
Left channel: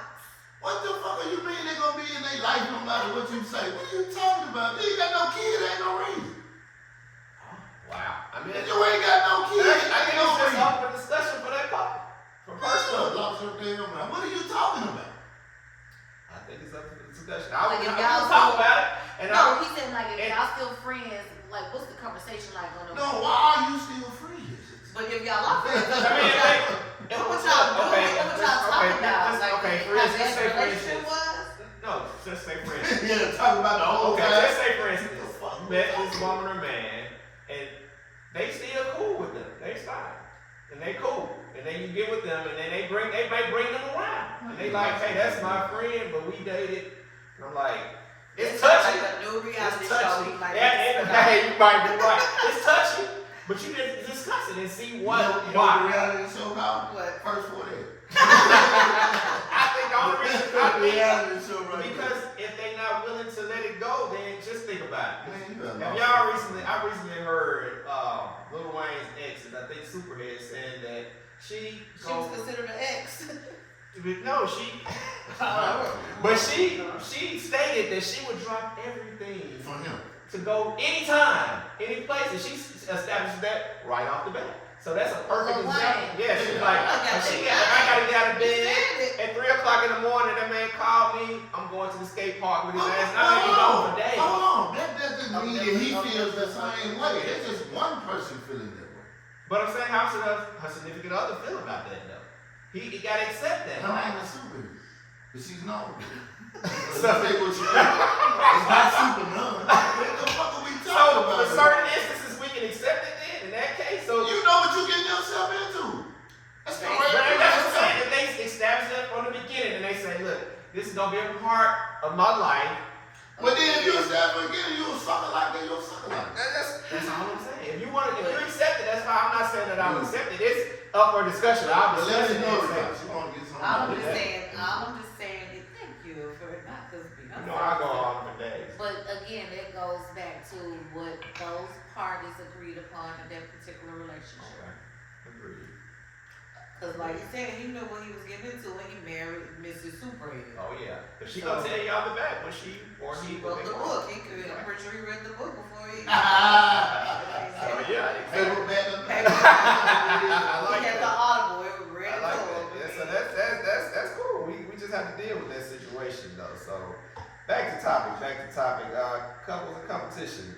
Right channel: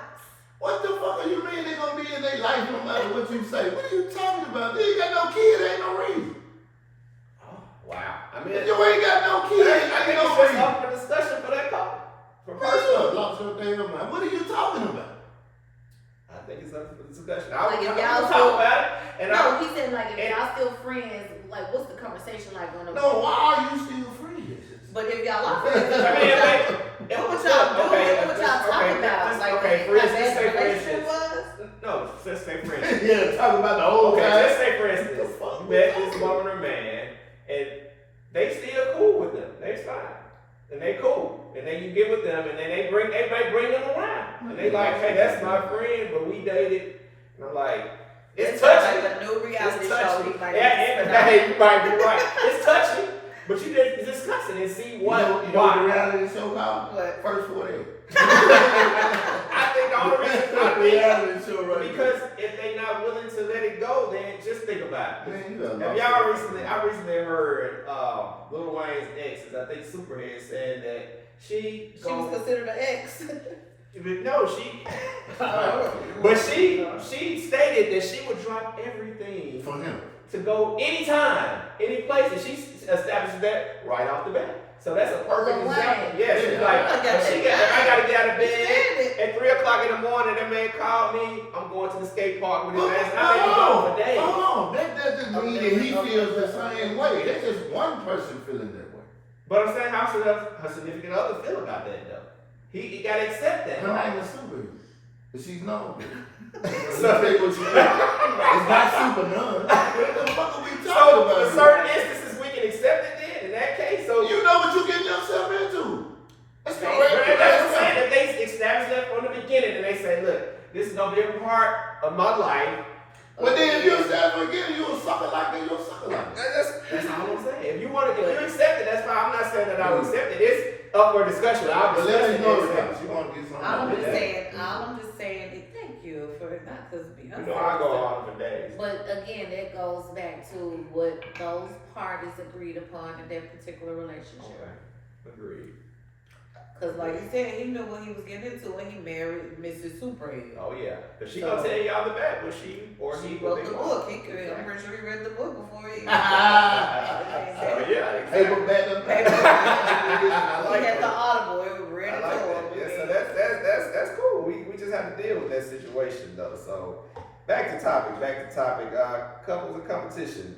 What the fuck are you mean they gonna be in their life no matter what you say? What are you talking about? They ain't got no kid, ain't no reason. Wow. I mean, If you ain't got no kid, I ain't think no it's just reason. up for discussion for that couple. For Personal, personal. lost your damn mind. What are you talking about? I think it's up for discussion. Like if I y'all would so- talk about it. And No, he said like if and- y'all still friends, like what's the conversation like on the? No, why are you still friends? But if y'all are friends, I mean, what would y'all do? What would y'all talk okay, about? let's- Like okay, how for instance, bad say the for relationship instance. was? No, just say for instance. Yeah, talking about the whole Okay, time. just say for instance, you met this woman or man, and they still cool with them. They fine. And they cool. And then you get with them, and then they might bring them around. And they like, hey, that's my friend, but we dated. And I'm like, it's touchy. like a new reality It's show. touchy. He might Yeah, spin hey, you might be right. It's touchy, but you just discuss it and see what, you know the why. reality show called? What? First 48. I think all the reason I think reality show right because if they're not willing to let it go, then just think about it. Man, you got Have lost y'all your recently? mind. I recently heard Lil Wayne's ex, I think Superhead, said that she She was considered an ex. no, she, but she stated that she would drop everything For him. to go anytime, any place, and she establishes that right off the bat. So that's a perfect Lil example. Wayne. Yeah, she's Yeah, like, I got she that. I gotta get out of You bed. said it. At 3 o'clock in the morning, that man called me. I'm going to the skate park with his ass. And I may be gone for days. That doesn't mean that he feels the same way. That's just one person feeling that way. But I'm saying, how should her significant other feel about that, though? He got to accept that. Her name is Super. But she's known. So, It's not Super None. What the fuck are we talking so about? in certain instances, we can accept it then, in that case. So, You know what you getting yourself into. That's But correct. that's what I'm saying. That they establish that from the beginning, and they say, look, this is going to be a part of my life. But then if you establish again, you a sucker like me, you a sucker like me. That's all I'm saying. If you accept it, that's fine. I'm not saying that I would accept it. It's up for discussion. I'll But let discuss us it. know and that accept you it. want to get something All I'm out of just that. saying is thank you for not because You know, I go on for days. But again, that goes back to what those parties agreed upon in that particular relationship. Agreed. Because like you said, he knew what he was getting into when he married Mrs. Superhead. Oh yeah, cause she So- gonna tell y'all the back when she or He he wrote the book. He could, I'm pretty sure he read the book before he. So yeah, Paper back up. He had the audible. It was ready I to like go. that. Yeah, so that's cool. We just have to deal with that situation though. So back to topic. Couples and competition.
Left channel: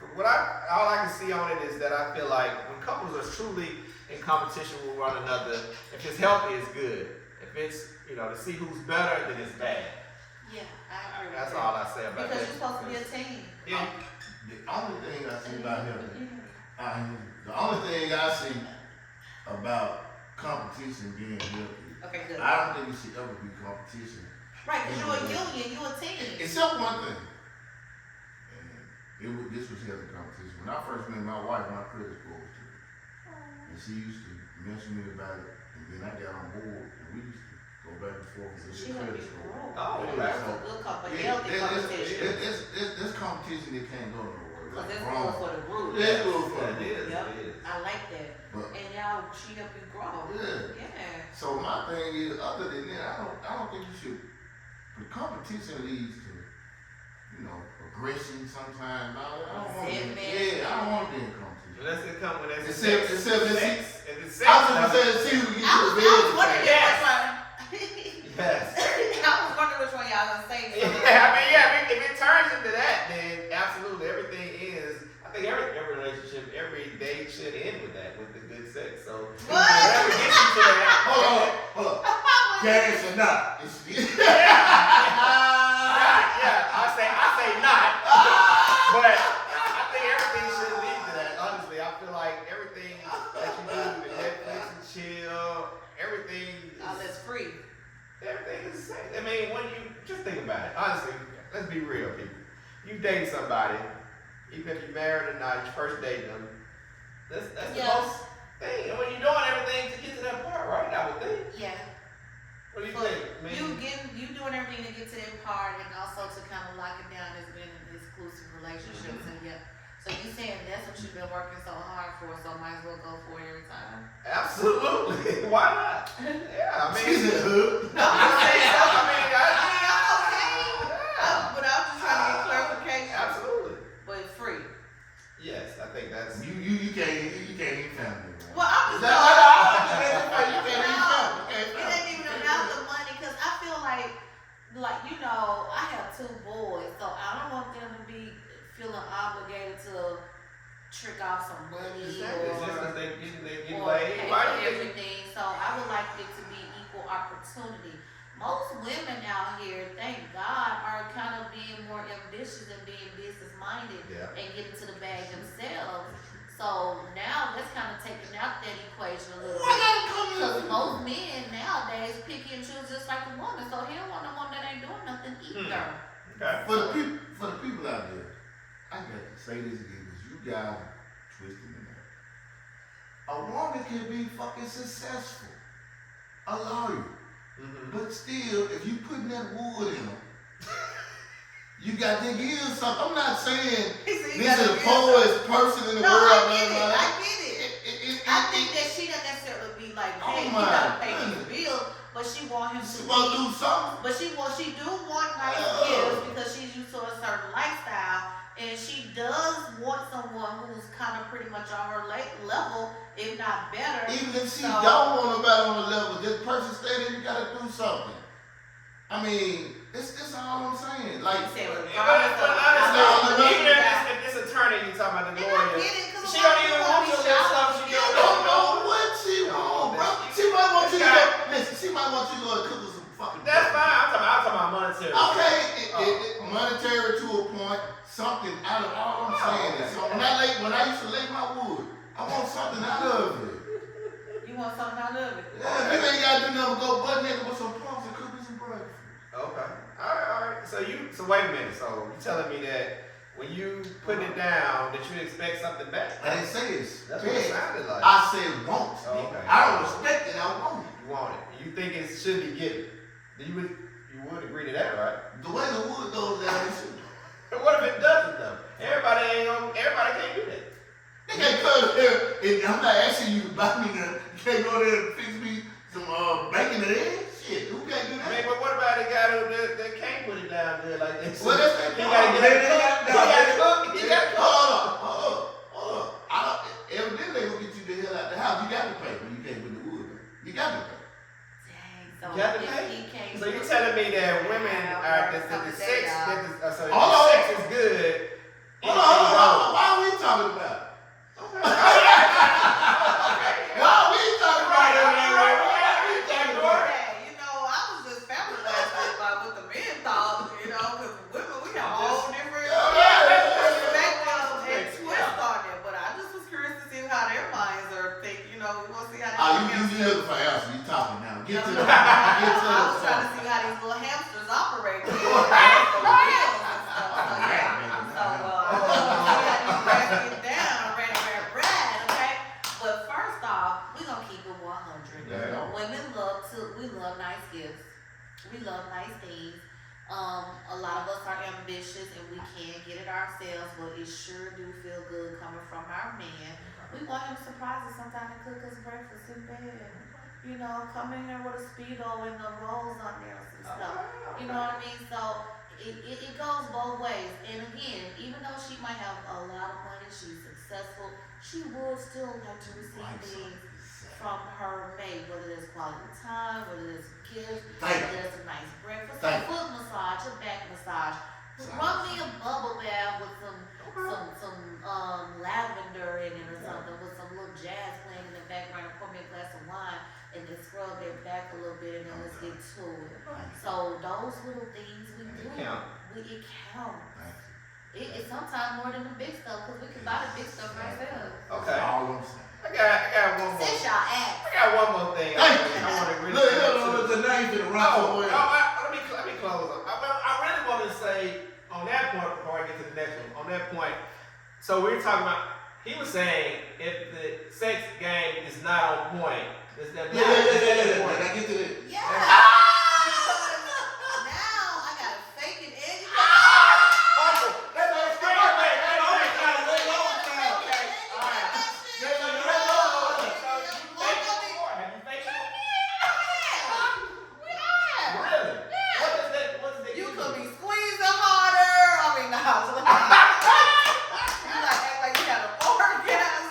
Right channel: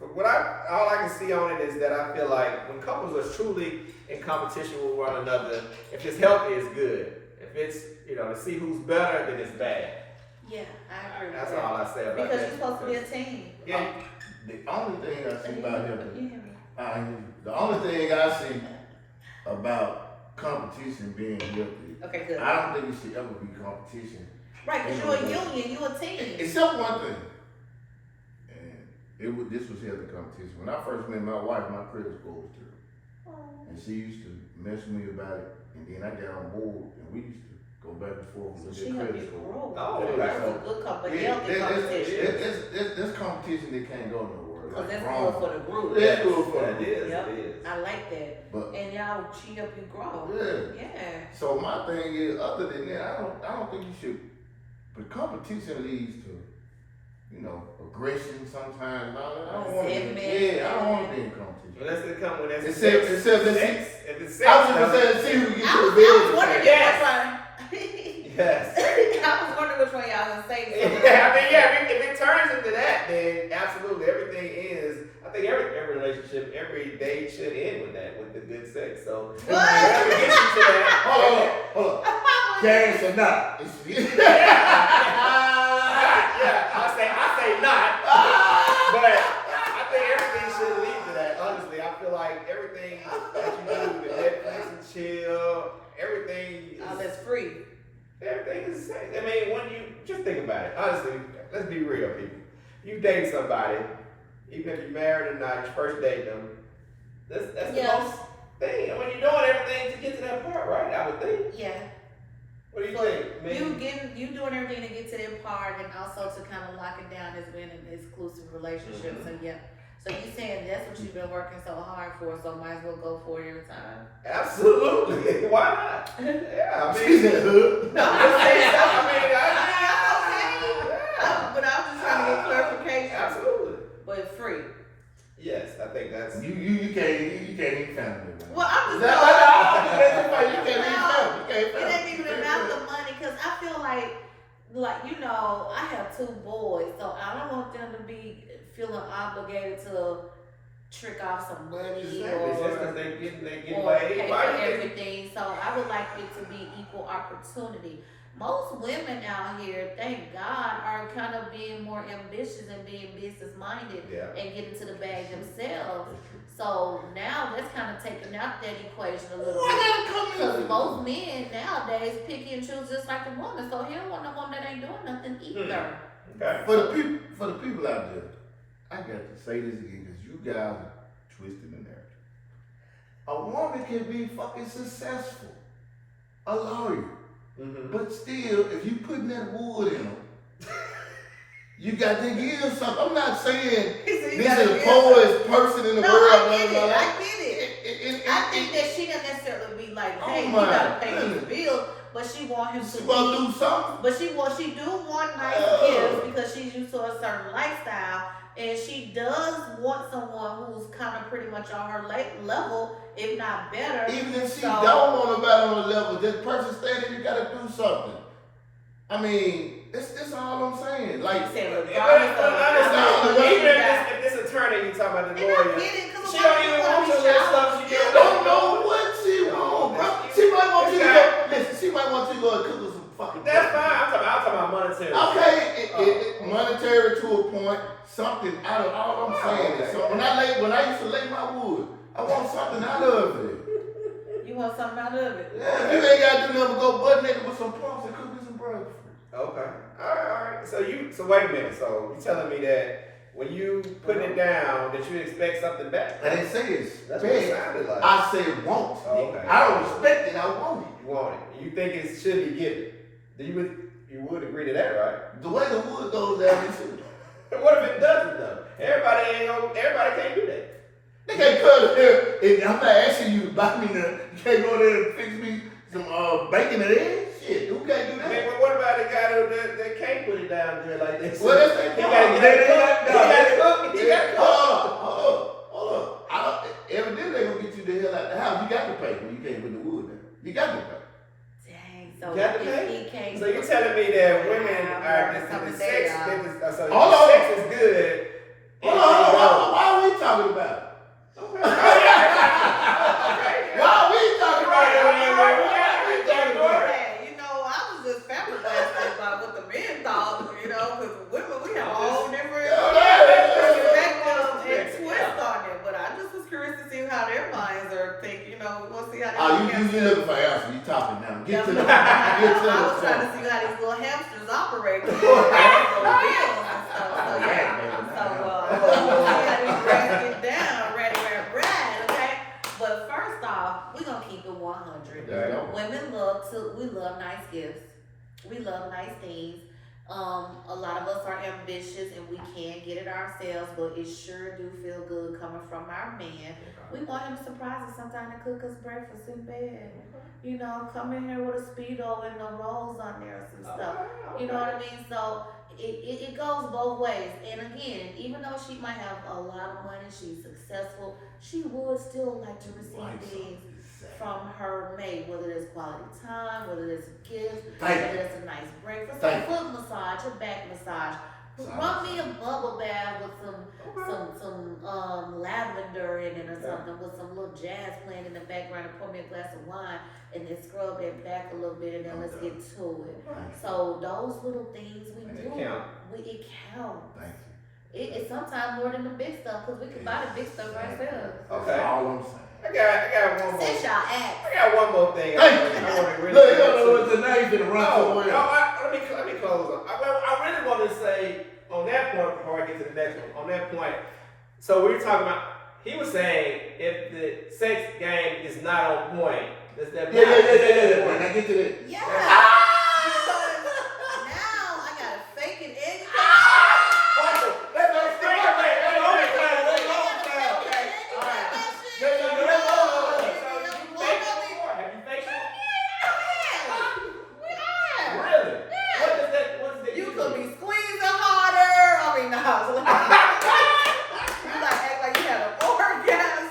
For what all I can see on it is that I feel like when couples are truly in competition with one another, if it's healthy, it's good. If it's to see who's better, then it's bad. Yeah, I agree with That's that. all I say about Because that. you're supposed to be a team. Yeah. The only thing I see about him, Yeah. the only thing I see about competition being healthy, Okay, good. I don't think it should ever be competition. Right, because you're a union, you're a team. Except one thing. And this was healthy competition. When I first met my wife, my credit score was good. And she used to mess with me about it. And then I got on board and we used to go back and forth So with she the helped credit you score. grow. Oh, Yeah, okay. That's a good healthy competition. This competition that can't go nowhere. Because that's wrong. good for the group. That's good for It the is. Yep. It is. I like that. But And y'all, she help you grow. yeah. Yeah. So my thing is, other than that, I don't think you should. But competition leads to, aggression sometimes. And all that. I don't want to. Resentment. Yeah, I don't want to be in competition. But that's the come when that's Except let's see. sex. If it's sex, I was gonna say, see who gets to the I bed. was wondering Yes. which one. yes. I was wondering which one y'all would say. If it turns into that, then absolutely everything is. I think every relationship, every date should end with that, with the good sex. So What? whatever gets you to that. Hold up. Cash or not? I say not. But I think everything should lead to that. Honestly, I feel like everything free. Everything is the same. I mean, when you just think about it, honestly, let's be real, people. You date somebody, even if you're married or not, you first date them. That's the Yeah. most thing. I mean, you're doing everything to get to that part, right? I would think. Yeah. What do you So think? I mean, you doing everything to get to that part, and also to kind of lock it down as being an exclusive relationship. So yeah. So you saying that's what you've been working so hard for, so might as well go for it every time. absolutely. Why not? Yeah, I She's mean, in the hood. No, I'm saying, I I'm mean, okay. yeah. But I was just trying to get clarification. Absolutely. But free. Yes, I think that's. You can't even family. Well, I'm just You can't even No, family. it ain't even about the money, cause I feel like you know, I have 2 boys, so I don't want them to be feeling obligated to trick off some money Is that because they get or laid? pay Why for do you think- everything. So I would like it to be equal opportunity. Most women out here, thank God, are kind of being more ambitious and being business minded Yeah. and getting to the bag themselves. So now that's kind of taking out that equation a little bit. Because most men nowadays picky and choose just like a woman. So he don't want no woman that ain't doing nothing either. Okay. For the people out there, I got to say this again because you guys are twisted in there. A woman can be fucking successful, a lawyer, Mm-hmm. but still, if you putting that wood in them, you got to give something. I'm not saying this is the poorest person in the No, world. I get blah, blah, it. blah. I get it. I think that she doesn't necessarily be like, hey, Oh you gotta my pay goodness. these bills, but she want him She to gonna be. do something. But she do want nice Oh. gifts because she's used to a certain lifestyle, and she does want someone who's kind of pretty much on her level, if not better. Even if she So- don't want nobody on the level, that person standing, you gotta do something. I mean, it's all I'm saying. Like, You said Yeah, regardless but of honestly, how much even even you got. if this attorney you talking about the And I lawyer, get it, because she don't even want your little stuff. She you don't know what she want, bro. She might want you to go. Listen, she might want you to go and cook her some fucking. That's breakfast. fine. I'm talking about monetary. Okay, monetary to a point, something out of all I'm saying. okay. So when I used to lay my wood, I want something out of it. You want something out of it. Yeah, if you ain't gotta do nothing but go butt naked with some punks and cook me some breakfast. Okay. All right. So wait a minute. So you telling me that when you putting it down, that you expect something back? I didn't say it's That's what it bad. sounded like. I said want. Okay. I don't expect it, I want it. You want it. You think it should be given. You would agree to that, right? The way the wood goes down, it should. What if it doesn't though? Everybody can't do that. They can't come here and I'm not asking you to buy me the, you can't go there and fix me some bacon and eggs? Shit, who can't do I mean, that? but what about the guy that can't put it down good like this? Well, that's he the gotta get it cooked. He gotta cook. He gotta cook. Hold on. Evidently they gonna get you the hell out the house. You got to pay when you can't put the wood in. You got to pay. Dang, so You got to if pay? he can't. So you're telling me that women Yeah, are working the something sex there, business? So Hold the on. sex is good. Hold on. Why are we talking about it? Why are we talking about it? Why are we talking about it? Hey, you know, I was just flabbergasted by what the men thought, you know, because women, we have all different perspectives and twists on it. But I just was curious to see how their minds are thinking, you know, we want to see how they You looking for answers. You talking now. Get to the get to I the was trying to point. see how these little hamsters operate. So, yeah. So, I want to see how these rats get down, ready, okay? But first off, we're going to keep it 100. Yeah. Women we love nice gifts. We love nice things. A lot of us are ambitious and we can get it ourselves, but it sure do feel good coming from our man. We want him to surprise us sometime and cook us breakfast in bed. You know, come in here with a Speedo and the rolls on there or some stuff. You know what I mean? So it goes both ways. And again, even though she might have a lot of money, she's successful, she would still like to receive things from her mate, whether it's quality time, whether it's a gift, whether it's a nice breakfast, a foot massage, a back massage. Run me a bubble bath with some lavender in it or something, with some little jazz playing in the background, and pour me a glass of wine, and then scrub that back a little bit, and then let's get to it. So those little things we do, it counts. It's sometimes more than the big stuff, because we can buy the big stuff ourselves. That's Okay. all I'm saying. got one more. Since y'all asked. I got one more thing. Hey, I want to really look, you don't know what tonight finna run No, somewhere. let me close up. I really want to say on that point before I get to the next one. On that point, so we were talking about. He was saying if the sex game is not on point, does that Yeah. I get to that. Yeah. Because now I gotta fake it and you gotta You could be squeezing harder. I mean, no. You like act like you had an orgasm.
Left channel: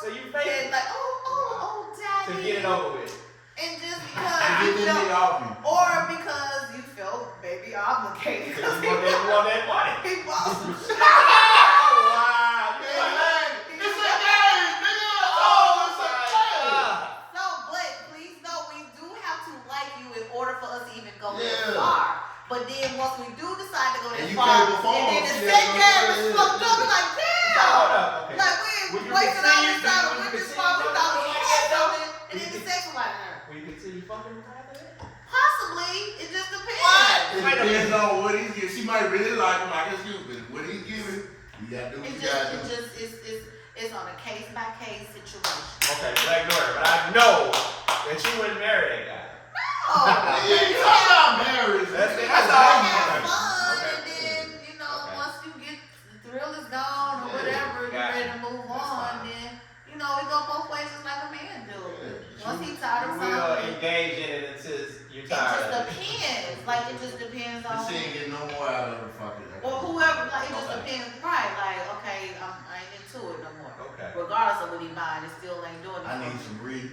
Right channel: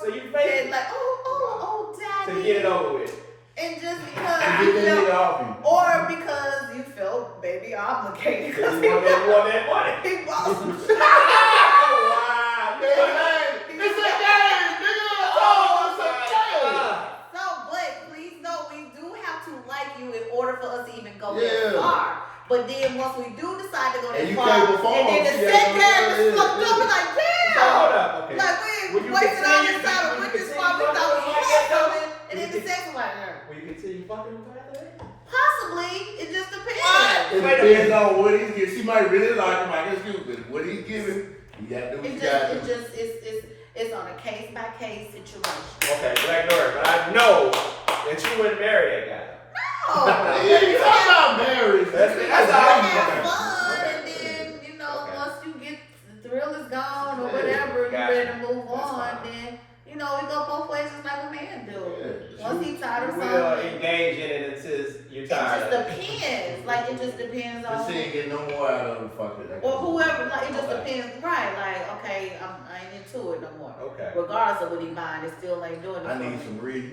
So you fake And like, oh, to daddy. get it over with. And just And because get you that nigga felt, off you. or because you felt maybe obligated. Because Because you want that money. he bought some shit. Wow. It's a game, nigga. Oh, it's a game. So, but please know we do have to like you in order for us to even go Yeah. that far. But then once we do decide to go that And you far, can't perform, and then the see, set that's game what it is is. fucked up, we're like, So damn. hold up. Okay. Like we Will you wasted all continue- this time and will went you this continue far, we fucking thought we with had that? something, and Will then you the sex was like, Will you continue fucking with that? possibly, it just depends. It depends on what he's giving. She might really like him, I guess you, but what he's giving, you gotta do what you gotta do. It's on a case by case situation. Okay, Black Bird, but I know that you wouldn't marry that guy. Oh, Yeah, you talking about marriage. That's I all. have Okay. fun, Okay. and then Okay. once you get the thrill is gone or Yeah, whatever, you gotcha. ready to move That's on. fine. Then it go both ways, just like a man do. Yeah. Once he tired of We'll something, engage in it until you're it tired. just depends. Like it just depends But on. she ain't getting no more out of the fucking. Or whoever, like it just Okay. depends, right? Like, okay, I ain't into it no more. Okay. Regardless of what he buying, it still ain't doing it. I for need me. some real.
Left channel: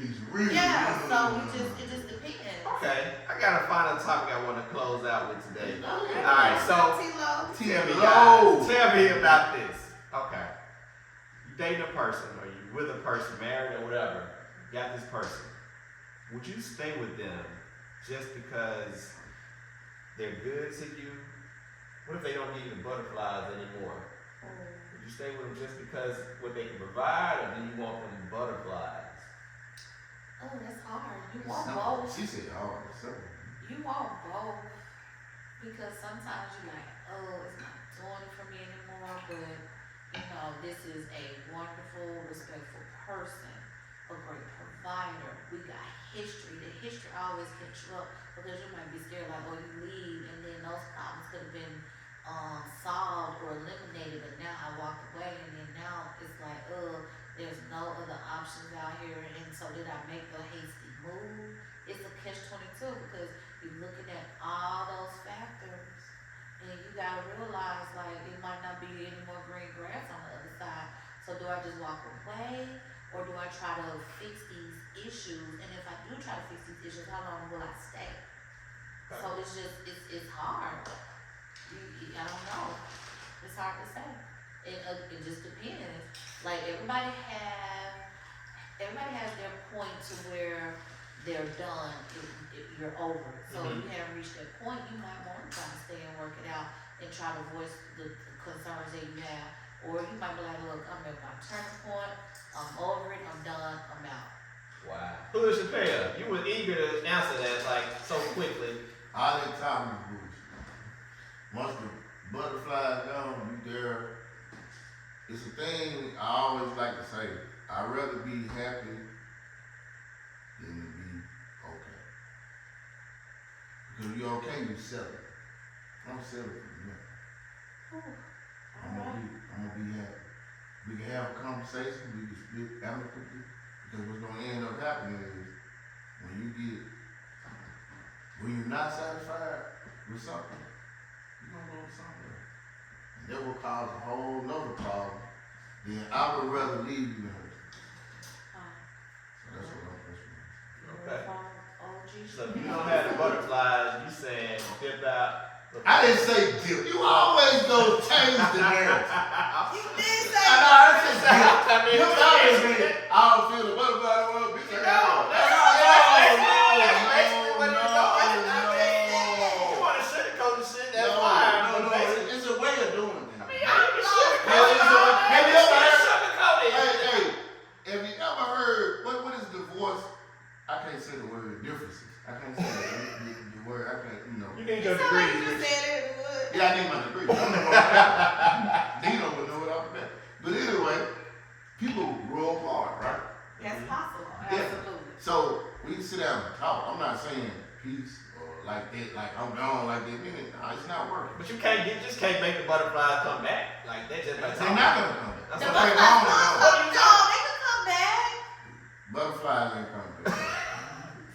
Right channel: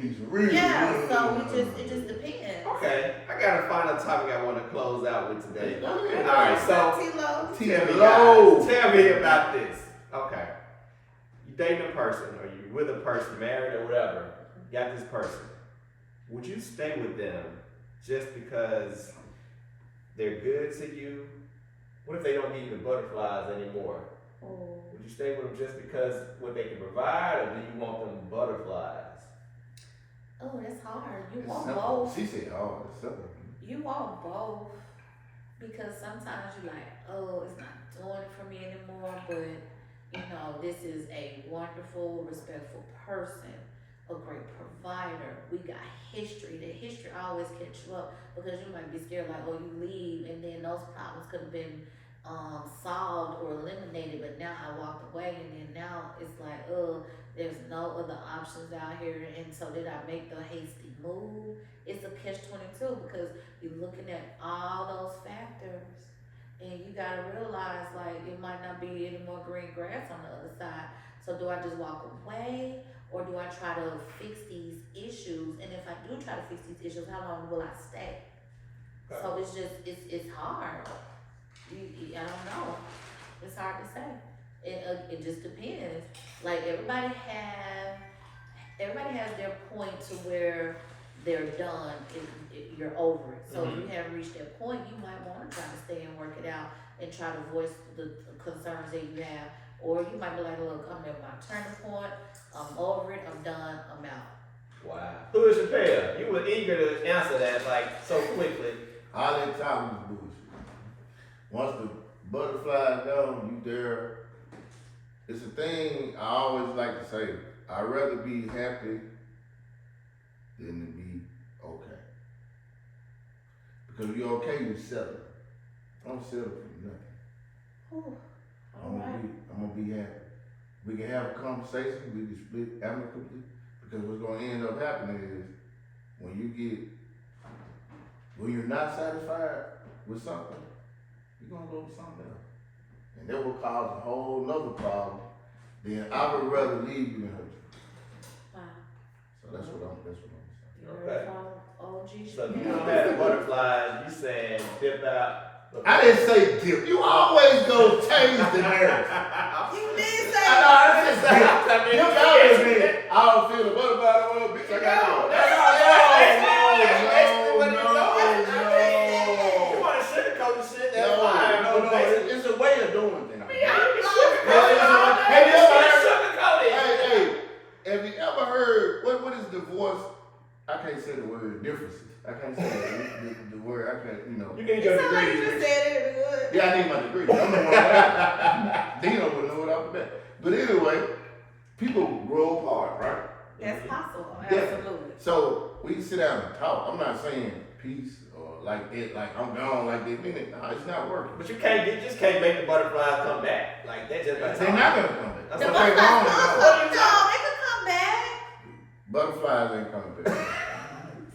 Yeah, so it just depends. Okay. I got a final topic I want to close out with today. Okay. All right, so T-Lo. tell me, Low. guys, tell me about this. Okay. You dating a person, or you with a person, married or whatever, got this person. Would you stay with them just because they're good to you? What if they don't give you the butterflies anymore? Would you stay with them just because what they can provide, or do you want them butterflies? Oh, that's hard. You want both. She said, oh, it's simple. You want both. Because sometimes you're like, oh, it's not doing it for me anymore, but this is a wonderful, respectful person, a great provider. We got history. The history always catch you up because you might be scared like, oh, you leave, and then those problems could have been solved or eliminated, but now I walked away, and then now it's like, there's no other options out here, and so did I make the hasty move? It's a catch-22 because you're looking at all those factors, and you gotta realize like it might not be any more green grass on the other side. So do I just walk away, or do I try to fix these issues? And if I do try to fix these issues, how long will I stay? So it's just it's hard. I don't know. It's hard to say. It just depends. Like everybody has their point to where they're done. You're over it. So if you haven't reached that point, you might want to try to stay and work it out and try to voice the concerns that you have. Or you might be like, look, I'm at my turning point. I'm over it. I'm done. I'm out. Wow. Who is Chappelle? You were eager to answer that like so quickly. All that time was bullshit. Once the butterflies gone, you there. It's a thing I always like to say. I'd rather be happy than to be okay. Because you're okay, you settle. I'm settling for nothing. I'm gonna be happy. We can have a conversation, we can split amicably, because what's gonna end up happening is when you're not satisfied with something, you're gonna go to something else. And that will cause a whole nother problem. Then I would rather leave you than hurt you. So that's what I'm saying. Okay. So you don't have the butterflies, you saying dip out. I didn't say dip. You always go change the narrative. You did say I didn't say dip. Dip out is it. I don't feel the butterfly, bitch. I got No, you want to sugarcoat the shit, that's fine. No. It's a way of doing things. Have you ever heard? Hey, have you ever course, I can't say the word differences. I can't say the word. I can't, you know. You need It your sound like you degree. just said it good. Yeah, I need my degree. I'm the one. Dino would know it off the bat. But anyway, people grow apart, right? That's possible. Yeah. Absolutely. So we can sit down and talk. I'm not saying peace or like that, like I'm gone like that minute. No, it's not working. But you just can't make the butterflies come back. Like they just like They're not gonna come back. That's The what They butterflies wrong, come, no. no, they could come back. Butterflies ain't coming back.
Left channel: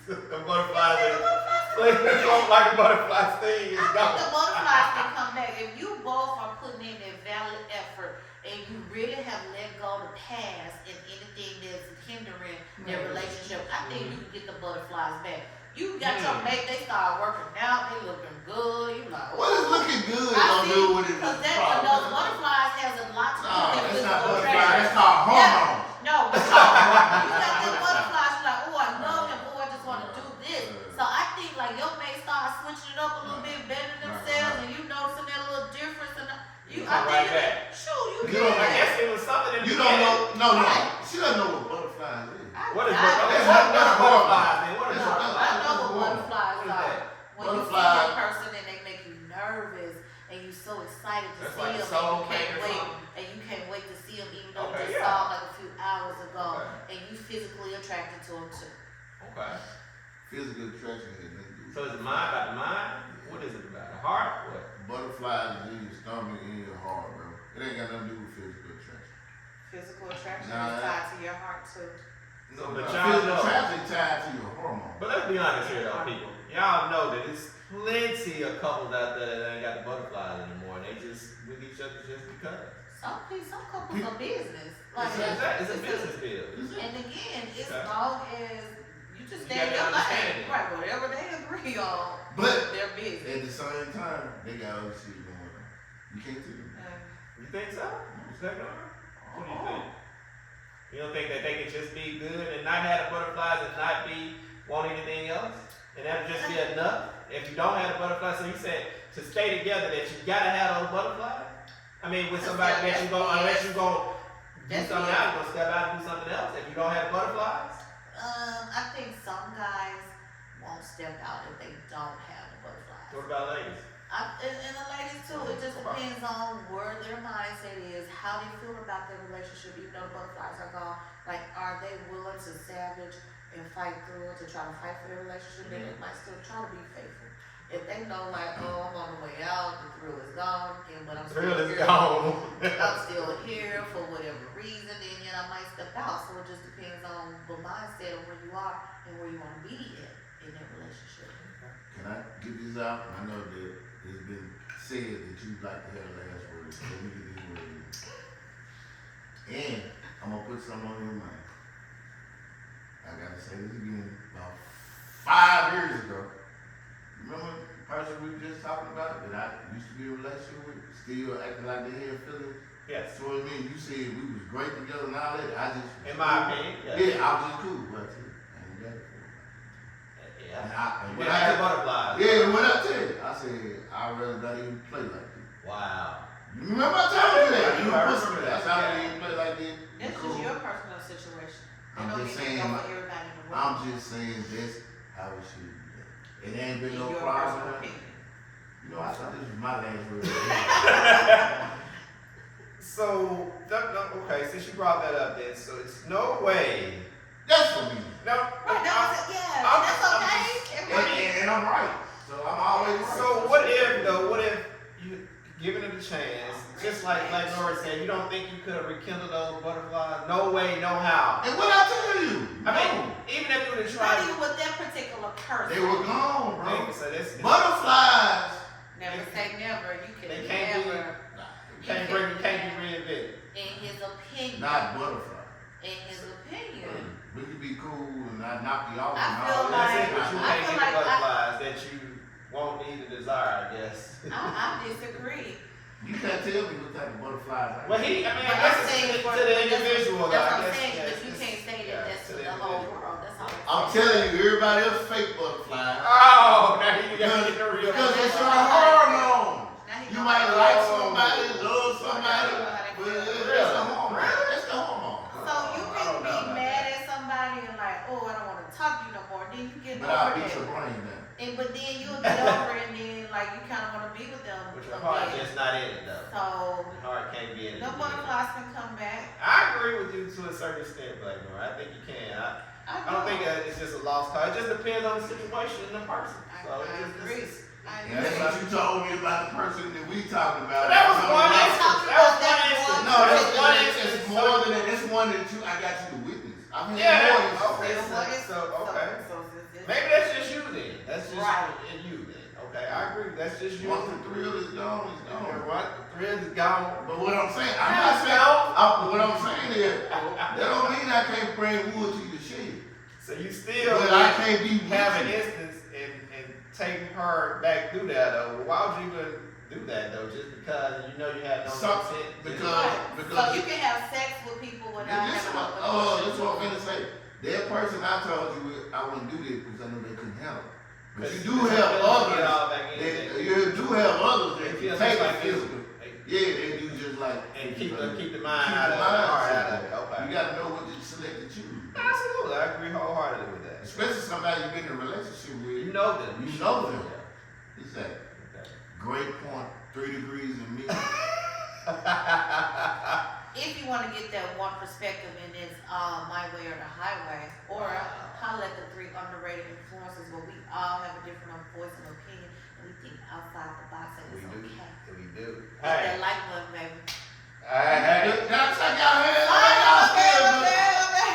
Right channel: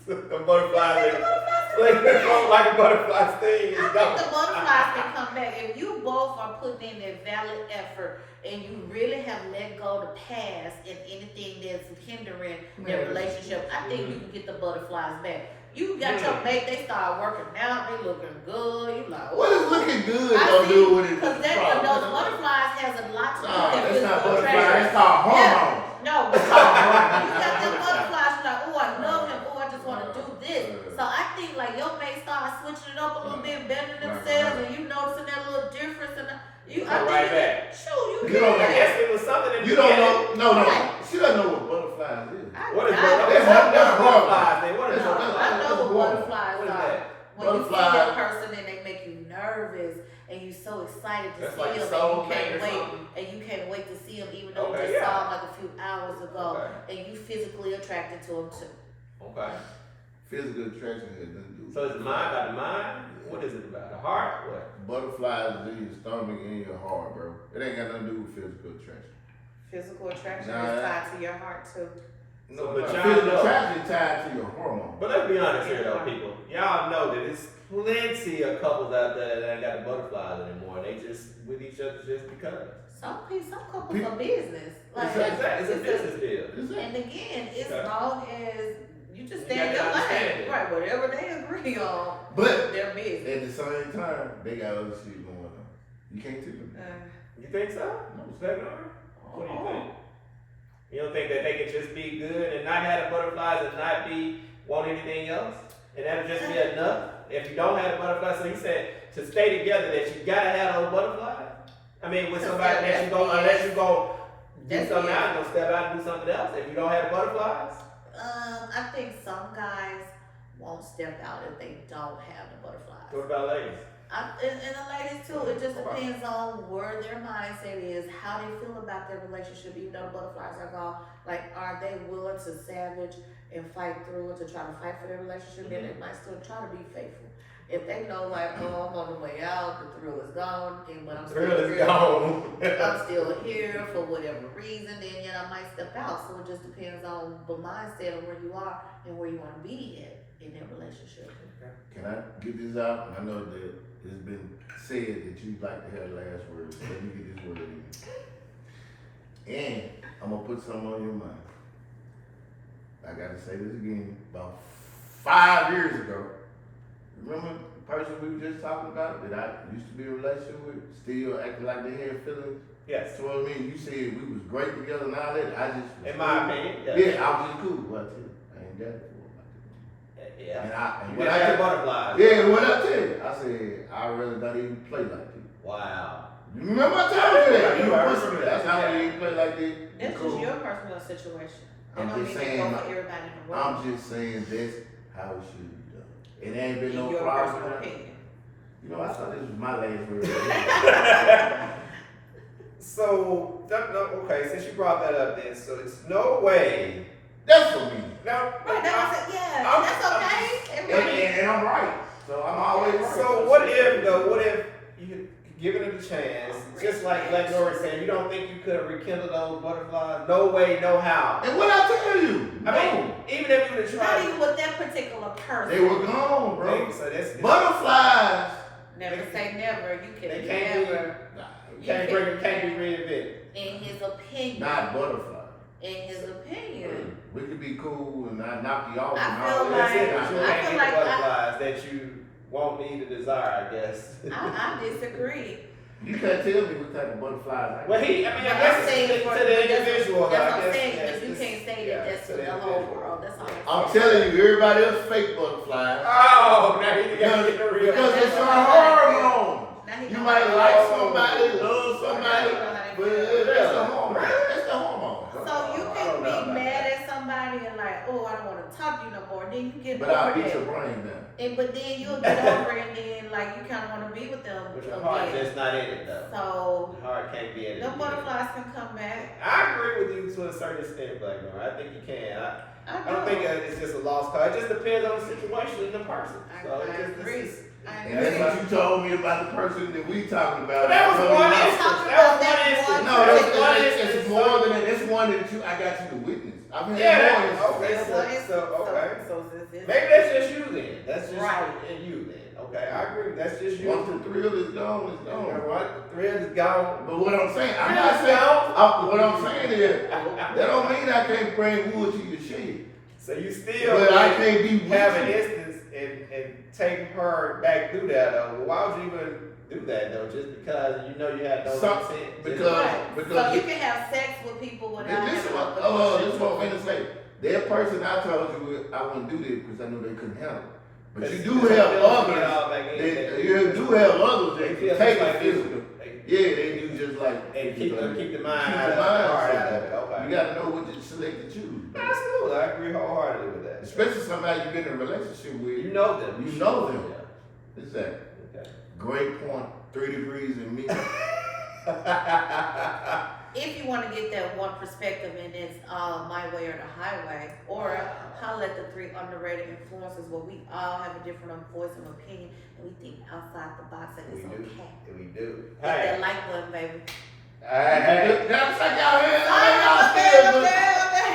the butterflies. The They, butterflies they don't like a butterfly sting. I think the butterflies can come back. If you both are putting in that valid effort and you really have let go the past and anything that's hindering their relationship, I think you can get the butterflies back. You got your mate, they start working out, they looking good, you like, What is looking good I gonna see, do with it? because those butterflies has a lot to do No, with that's physical not butterflies. attraction. That's called hormones. No, but you got them butterflies, you're like, oh, I love him, oh, I just want to do this. So I think like your mate start switching it up a little bit, better themselves, and you noticing that little difference, and you, I Come right think, back. shoot, you You don't can. know. Yes, it was something in the You don't beginning. know. No. Right. She doesn't know what butterflies is. What is That's butterflies? Then what is No, it? I know what butterflies What is are. that? When you see Butterflies. that person and they make you nervous, and you so excited to That's see like them, soul and you can't mate or wait, something. and you can't wait to see them, even though Okay, you just yeah. saw them like a few hours ago, Okay. and you physically attracted to them too. Okay. Physical attraction has nothing to do with So it's the mind about the mind? What is it about? The heart? What? butterflies is in your stomach and your heart, bro. It ain't got nothing to do with physical attraction. Physical attraction Nah. is tied to your heart too. So No, but physical y'all know. attraction tied to your hormone. But let's be honest here though, people. Y'all know that it's plenty of couples out there that ain't got the butterflies anymore. They just with each other just because. Some couples are business. Like, It's a business deal. and again, it's Okay. long as you just You stand got your to understand lane. it. Right, whatever they agree on, But their business. at the same time, they got other shit going on. You can't tell them. You think so? Second order? What do you think? You don't think that they can just be good and not have the butterflies and not be want anything else? And that'll just be enough? If you don't have the butterflies, so he said to stay together that you gotta have those butterflies? I mean, with somebody that you go unless you go do That's something BS. else, you gonna step out and do something else if you don't have the butterflies? I think some guys won't step out if they don't have the butterflies. What about ladies? And the ladies too, it just depends on where their mindset is, how they feel about their relationship, even though the butterflies are gone. Like, are they willing to savage and fight through it, to try to fight for their relationship? Then they might still try to be faithful. If they know, like, oh, I'm on the way out, the thrill is gone, but I'm still Thrill is here. gone. I'm still here for whatever reason, then yet I might step out. So it just depends on the mindset of where you are and where you want to be in that relationship. Can I get this out? I know that it's been said that you'd like to have last words. So let me get this word in. And I'm gonna put something on your mind. I gotta say this again. About 5 years ago, remember the person we were just talking about that I used to be in a relationship with, still acting like they had feelings Yes. towards me? You said we was great together and all that. I just was In my opinion. yeah, I was just cool. Well, I ain't got it. Yeah. And You what got I the butterflies. yeah, what I tell you, I said I'd rather not even play like that. Wow. You remember I told you that? I You remember pussy. that. That's how we play like that. That's Cool. just your personal situation. They I'm don't just need to saying, go for everybody in the world. I'm just saying that's how it should be done. It ain't been in no your problem. personal with that. opinion. You know, I thought this was my last word. So, okay, since you brought that up then, so it's no way. That's for me. No, Right, now I said, yeah, I'm- that's okay. Everybody- And I'm right. So I'm always right. So what if you given it a chance, just like Lori said, you don't think you could have rekindled those butterflies? No way, no how. And what I tell you? I mean, even if you would have Not tried, even with that particular person. They were gone, bro. so that's Butterflies. Never say never. You They can can't be- never, can't be reinvented. in his opinion. Not butterflies. In his opinion. We could be cool and not knock you off. I and feel all That's that. it, but you I can't feel get like the butterflies that you won't need to desire, I guess. I disagree. You can't tell me what type of butterflies. I Well, got. I mean, But I I'm guess saying it's for to the individual. That's I what I'm guess, saying, yes, but you it's- can't say yeah, that that's to for the whole world. That's all I'm telling you, everybody else fake butterflies. Oh, now you gotta get the real. Because That's it's a what I'm hormone. Now he You know might how to- like somebody, love somebody, Now he know how to but feel. it's a hormone. It's a hormone. So you I can don't know be about mad at somebody and like, like, oh, I don't want to talk to you no more. Then you get But I'll over beat your that. brain down. But then you'll get over it, and then like you kind of want to be with them But your heart again. just not in it though. So Your heart can't be in it. them butterflies can come back. I agree with you to a certain extent, Black Noir. I think you can. I don't think I it's just a lost cause. It just depends on the situation and the person. So it just- agree. And that's what you told me about the person that we talking about. But that was I told one you- instance. That was one instance. No, it's more than that. It's one that I got you to witness. I've had Yeah, more instances. okay. Okay. So since it's Maybe that's just you then. That's just Right. in you then. Okay, I agree. That's just you. Once the thrill is gone, it's You know gone. what? The thrill is gone. But what I'm saying, I'm not saying. What I'm saying is, that don't mean I can't bring wood to your shed. So you still But I can't be have an with you. instance and take her back through that though. Well, why would you even do that though? Just because you know you had no Some- consent? because so you can have sex with people without This is having what, no this is what I'm gonna say. That person I told you I wouldn't do this because I know they couldn't handle it. But you do have others. You do have others that can take it physical. Yeah, they do just like And keep the mind keep out the of mind heart out out of of it. it. Okay. You gotta know what to select to choose. Absolutely, I agree wholeheartedly with that. Especially somebody you've been in a relationship with. You know them. You know them. Exactly. Okay. Great point. 3 degrees in me. If you want to get that one perspective and it's my way or the highway, or holler at the 3 underrated influences where we all have a different voice and opinion and we think outside the box and it's okay. We do. Hit that like button, baby. Hey. Did I check y'all hands?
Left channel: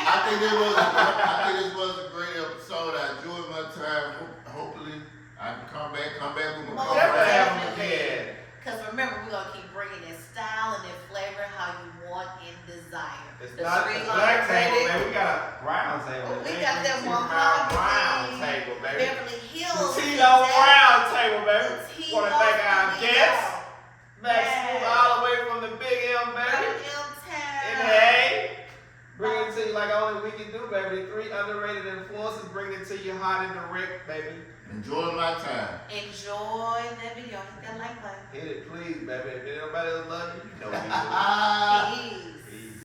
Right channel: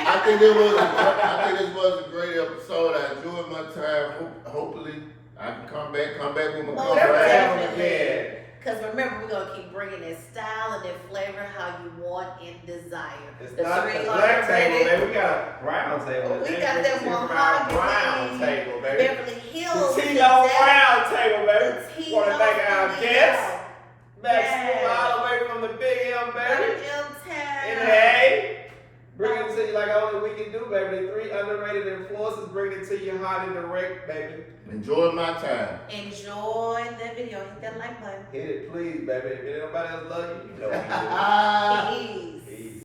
I think this was a great episode. I enjoyed my time. Hopefully, I can come back with my Most comeback. definitely. Because remember, we're going to keep bringing that style and that flavor how you want and desire. It's The not 3 the black table, underrated. man. We got a brown table. We got that brown mahogany, table, baby. Beverly Hills. The Tino exact- Brown table, baby. The Want to thank our Tino guests. Max Yes. School all the way from the Big M, baby. Big M And Town. hey, bring it to you like only we can do, baby. The 3 underrated influences, bring it to you hot and direct, baby. Enjoy my time. Enjoy that video. Hit that like button. Hit it, please, baby. If nobody else love you, you know what you do. Peace.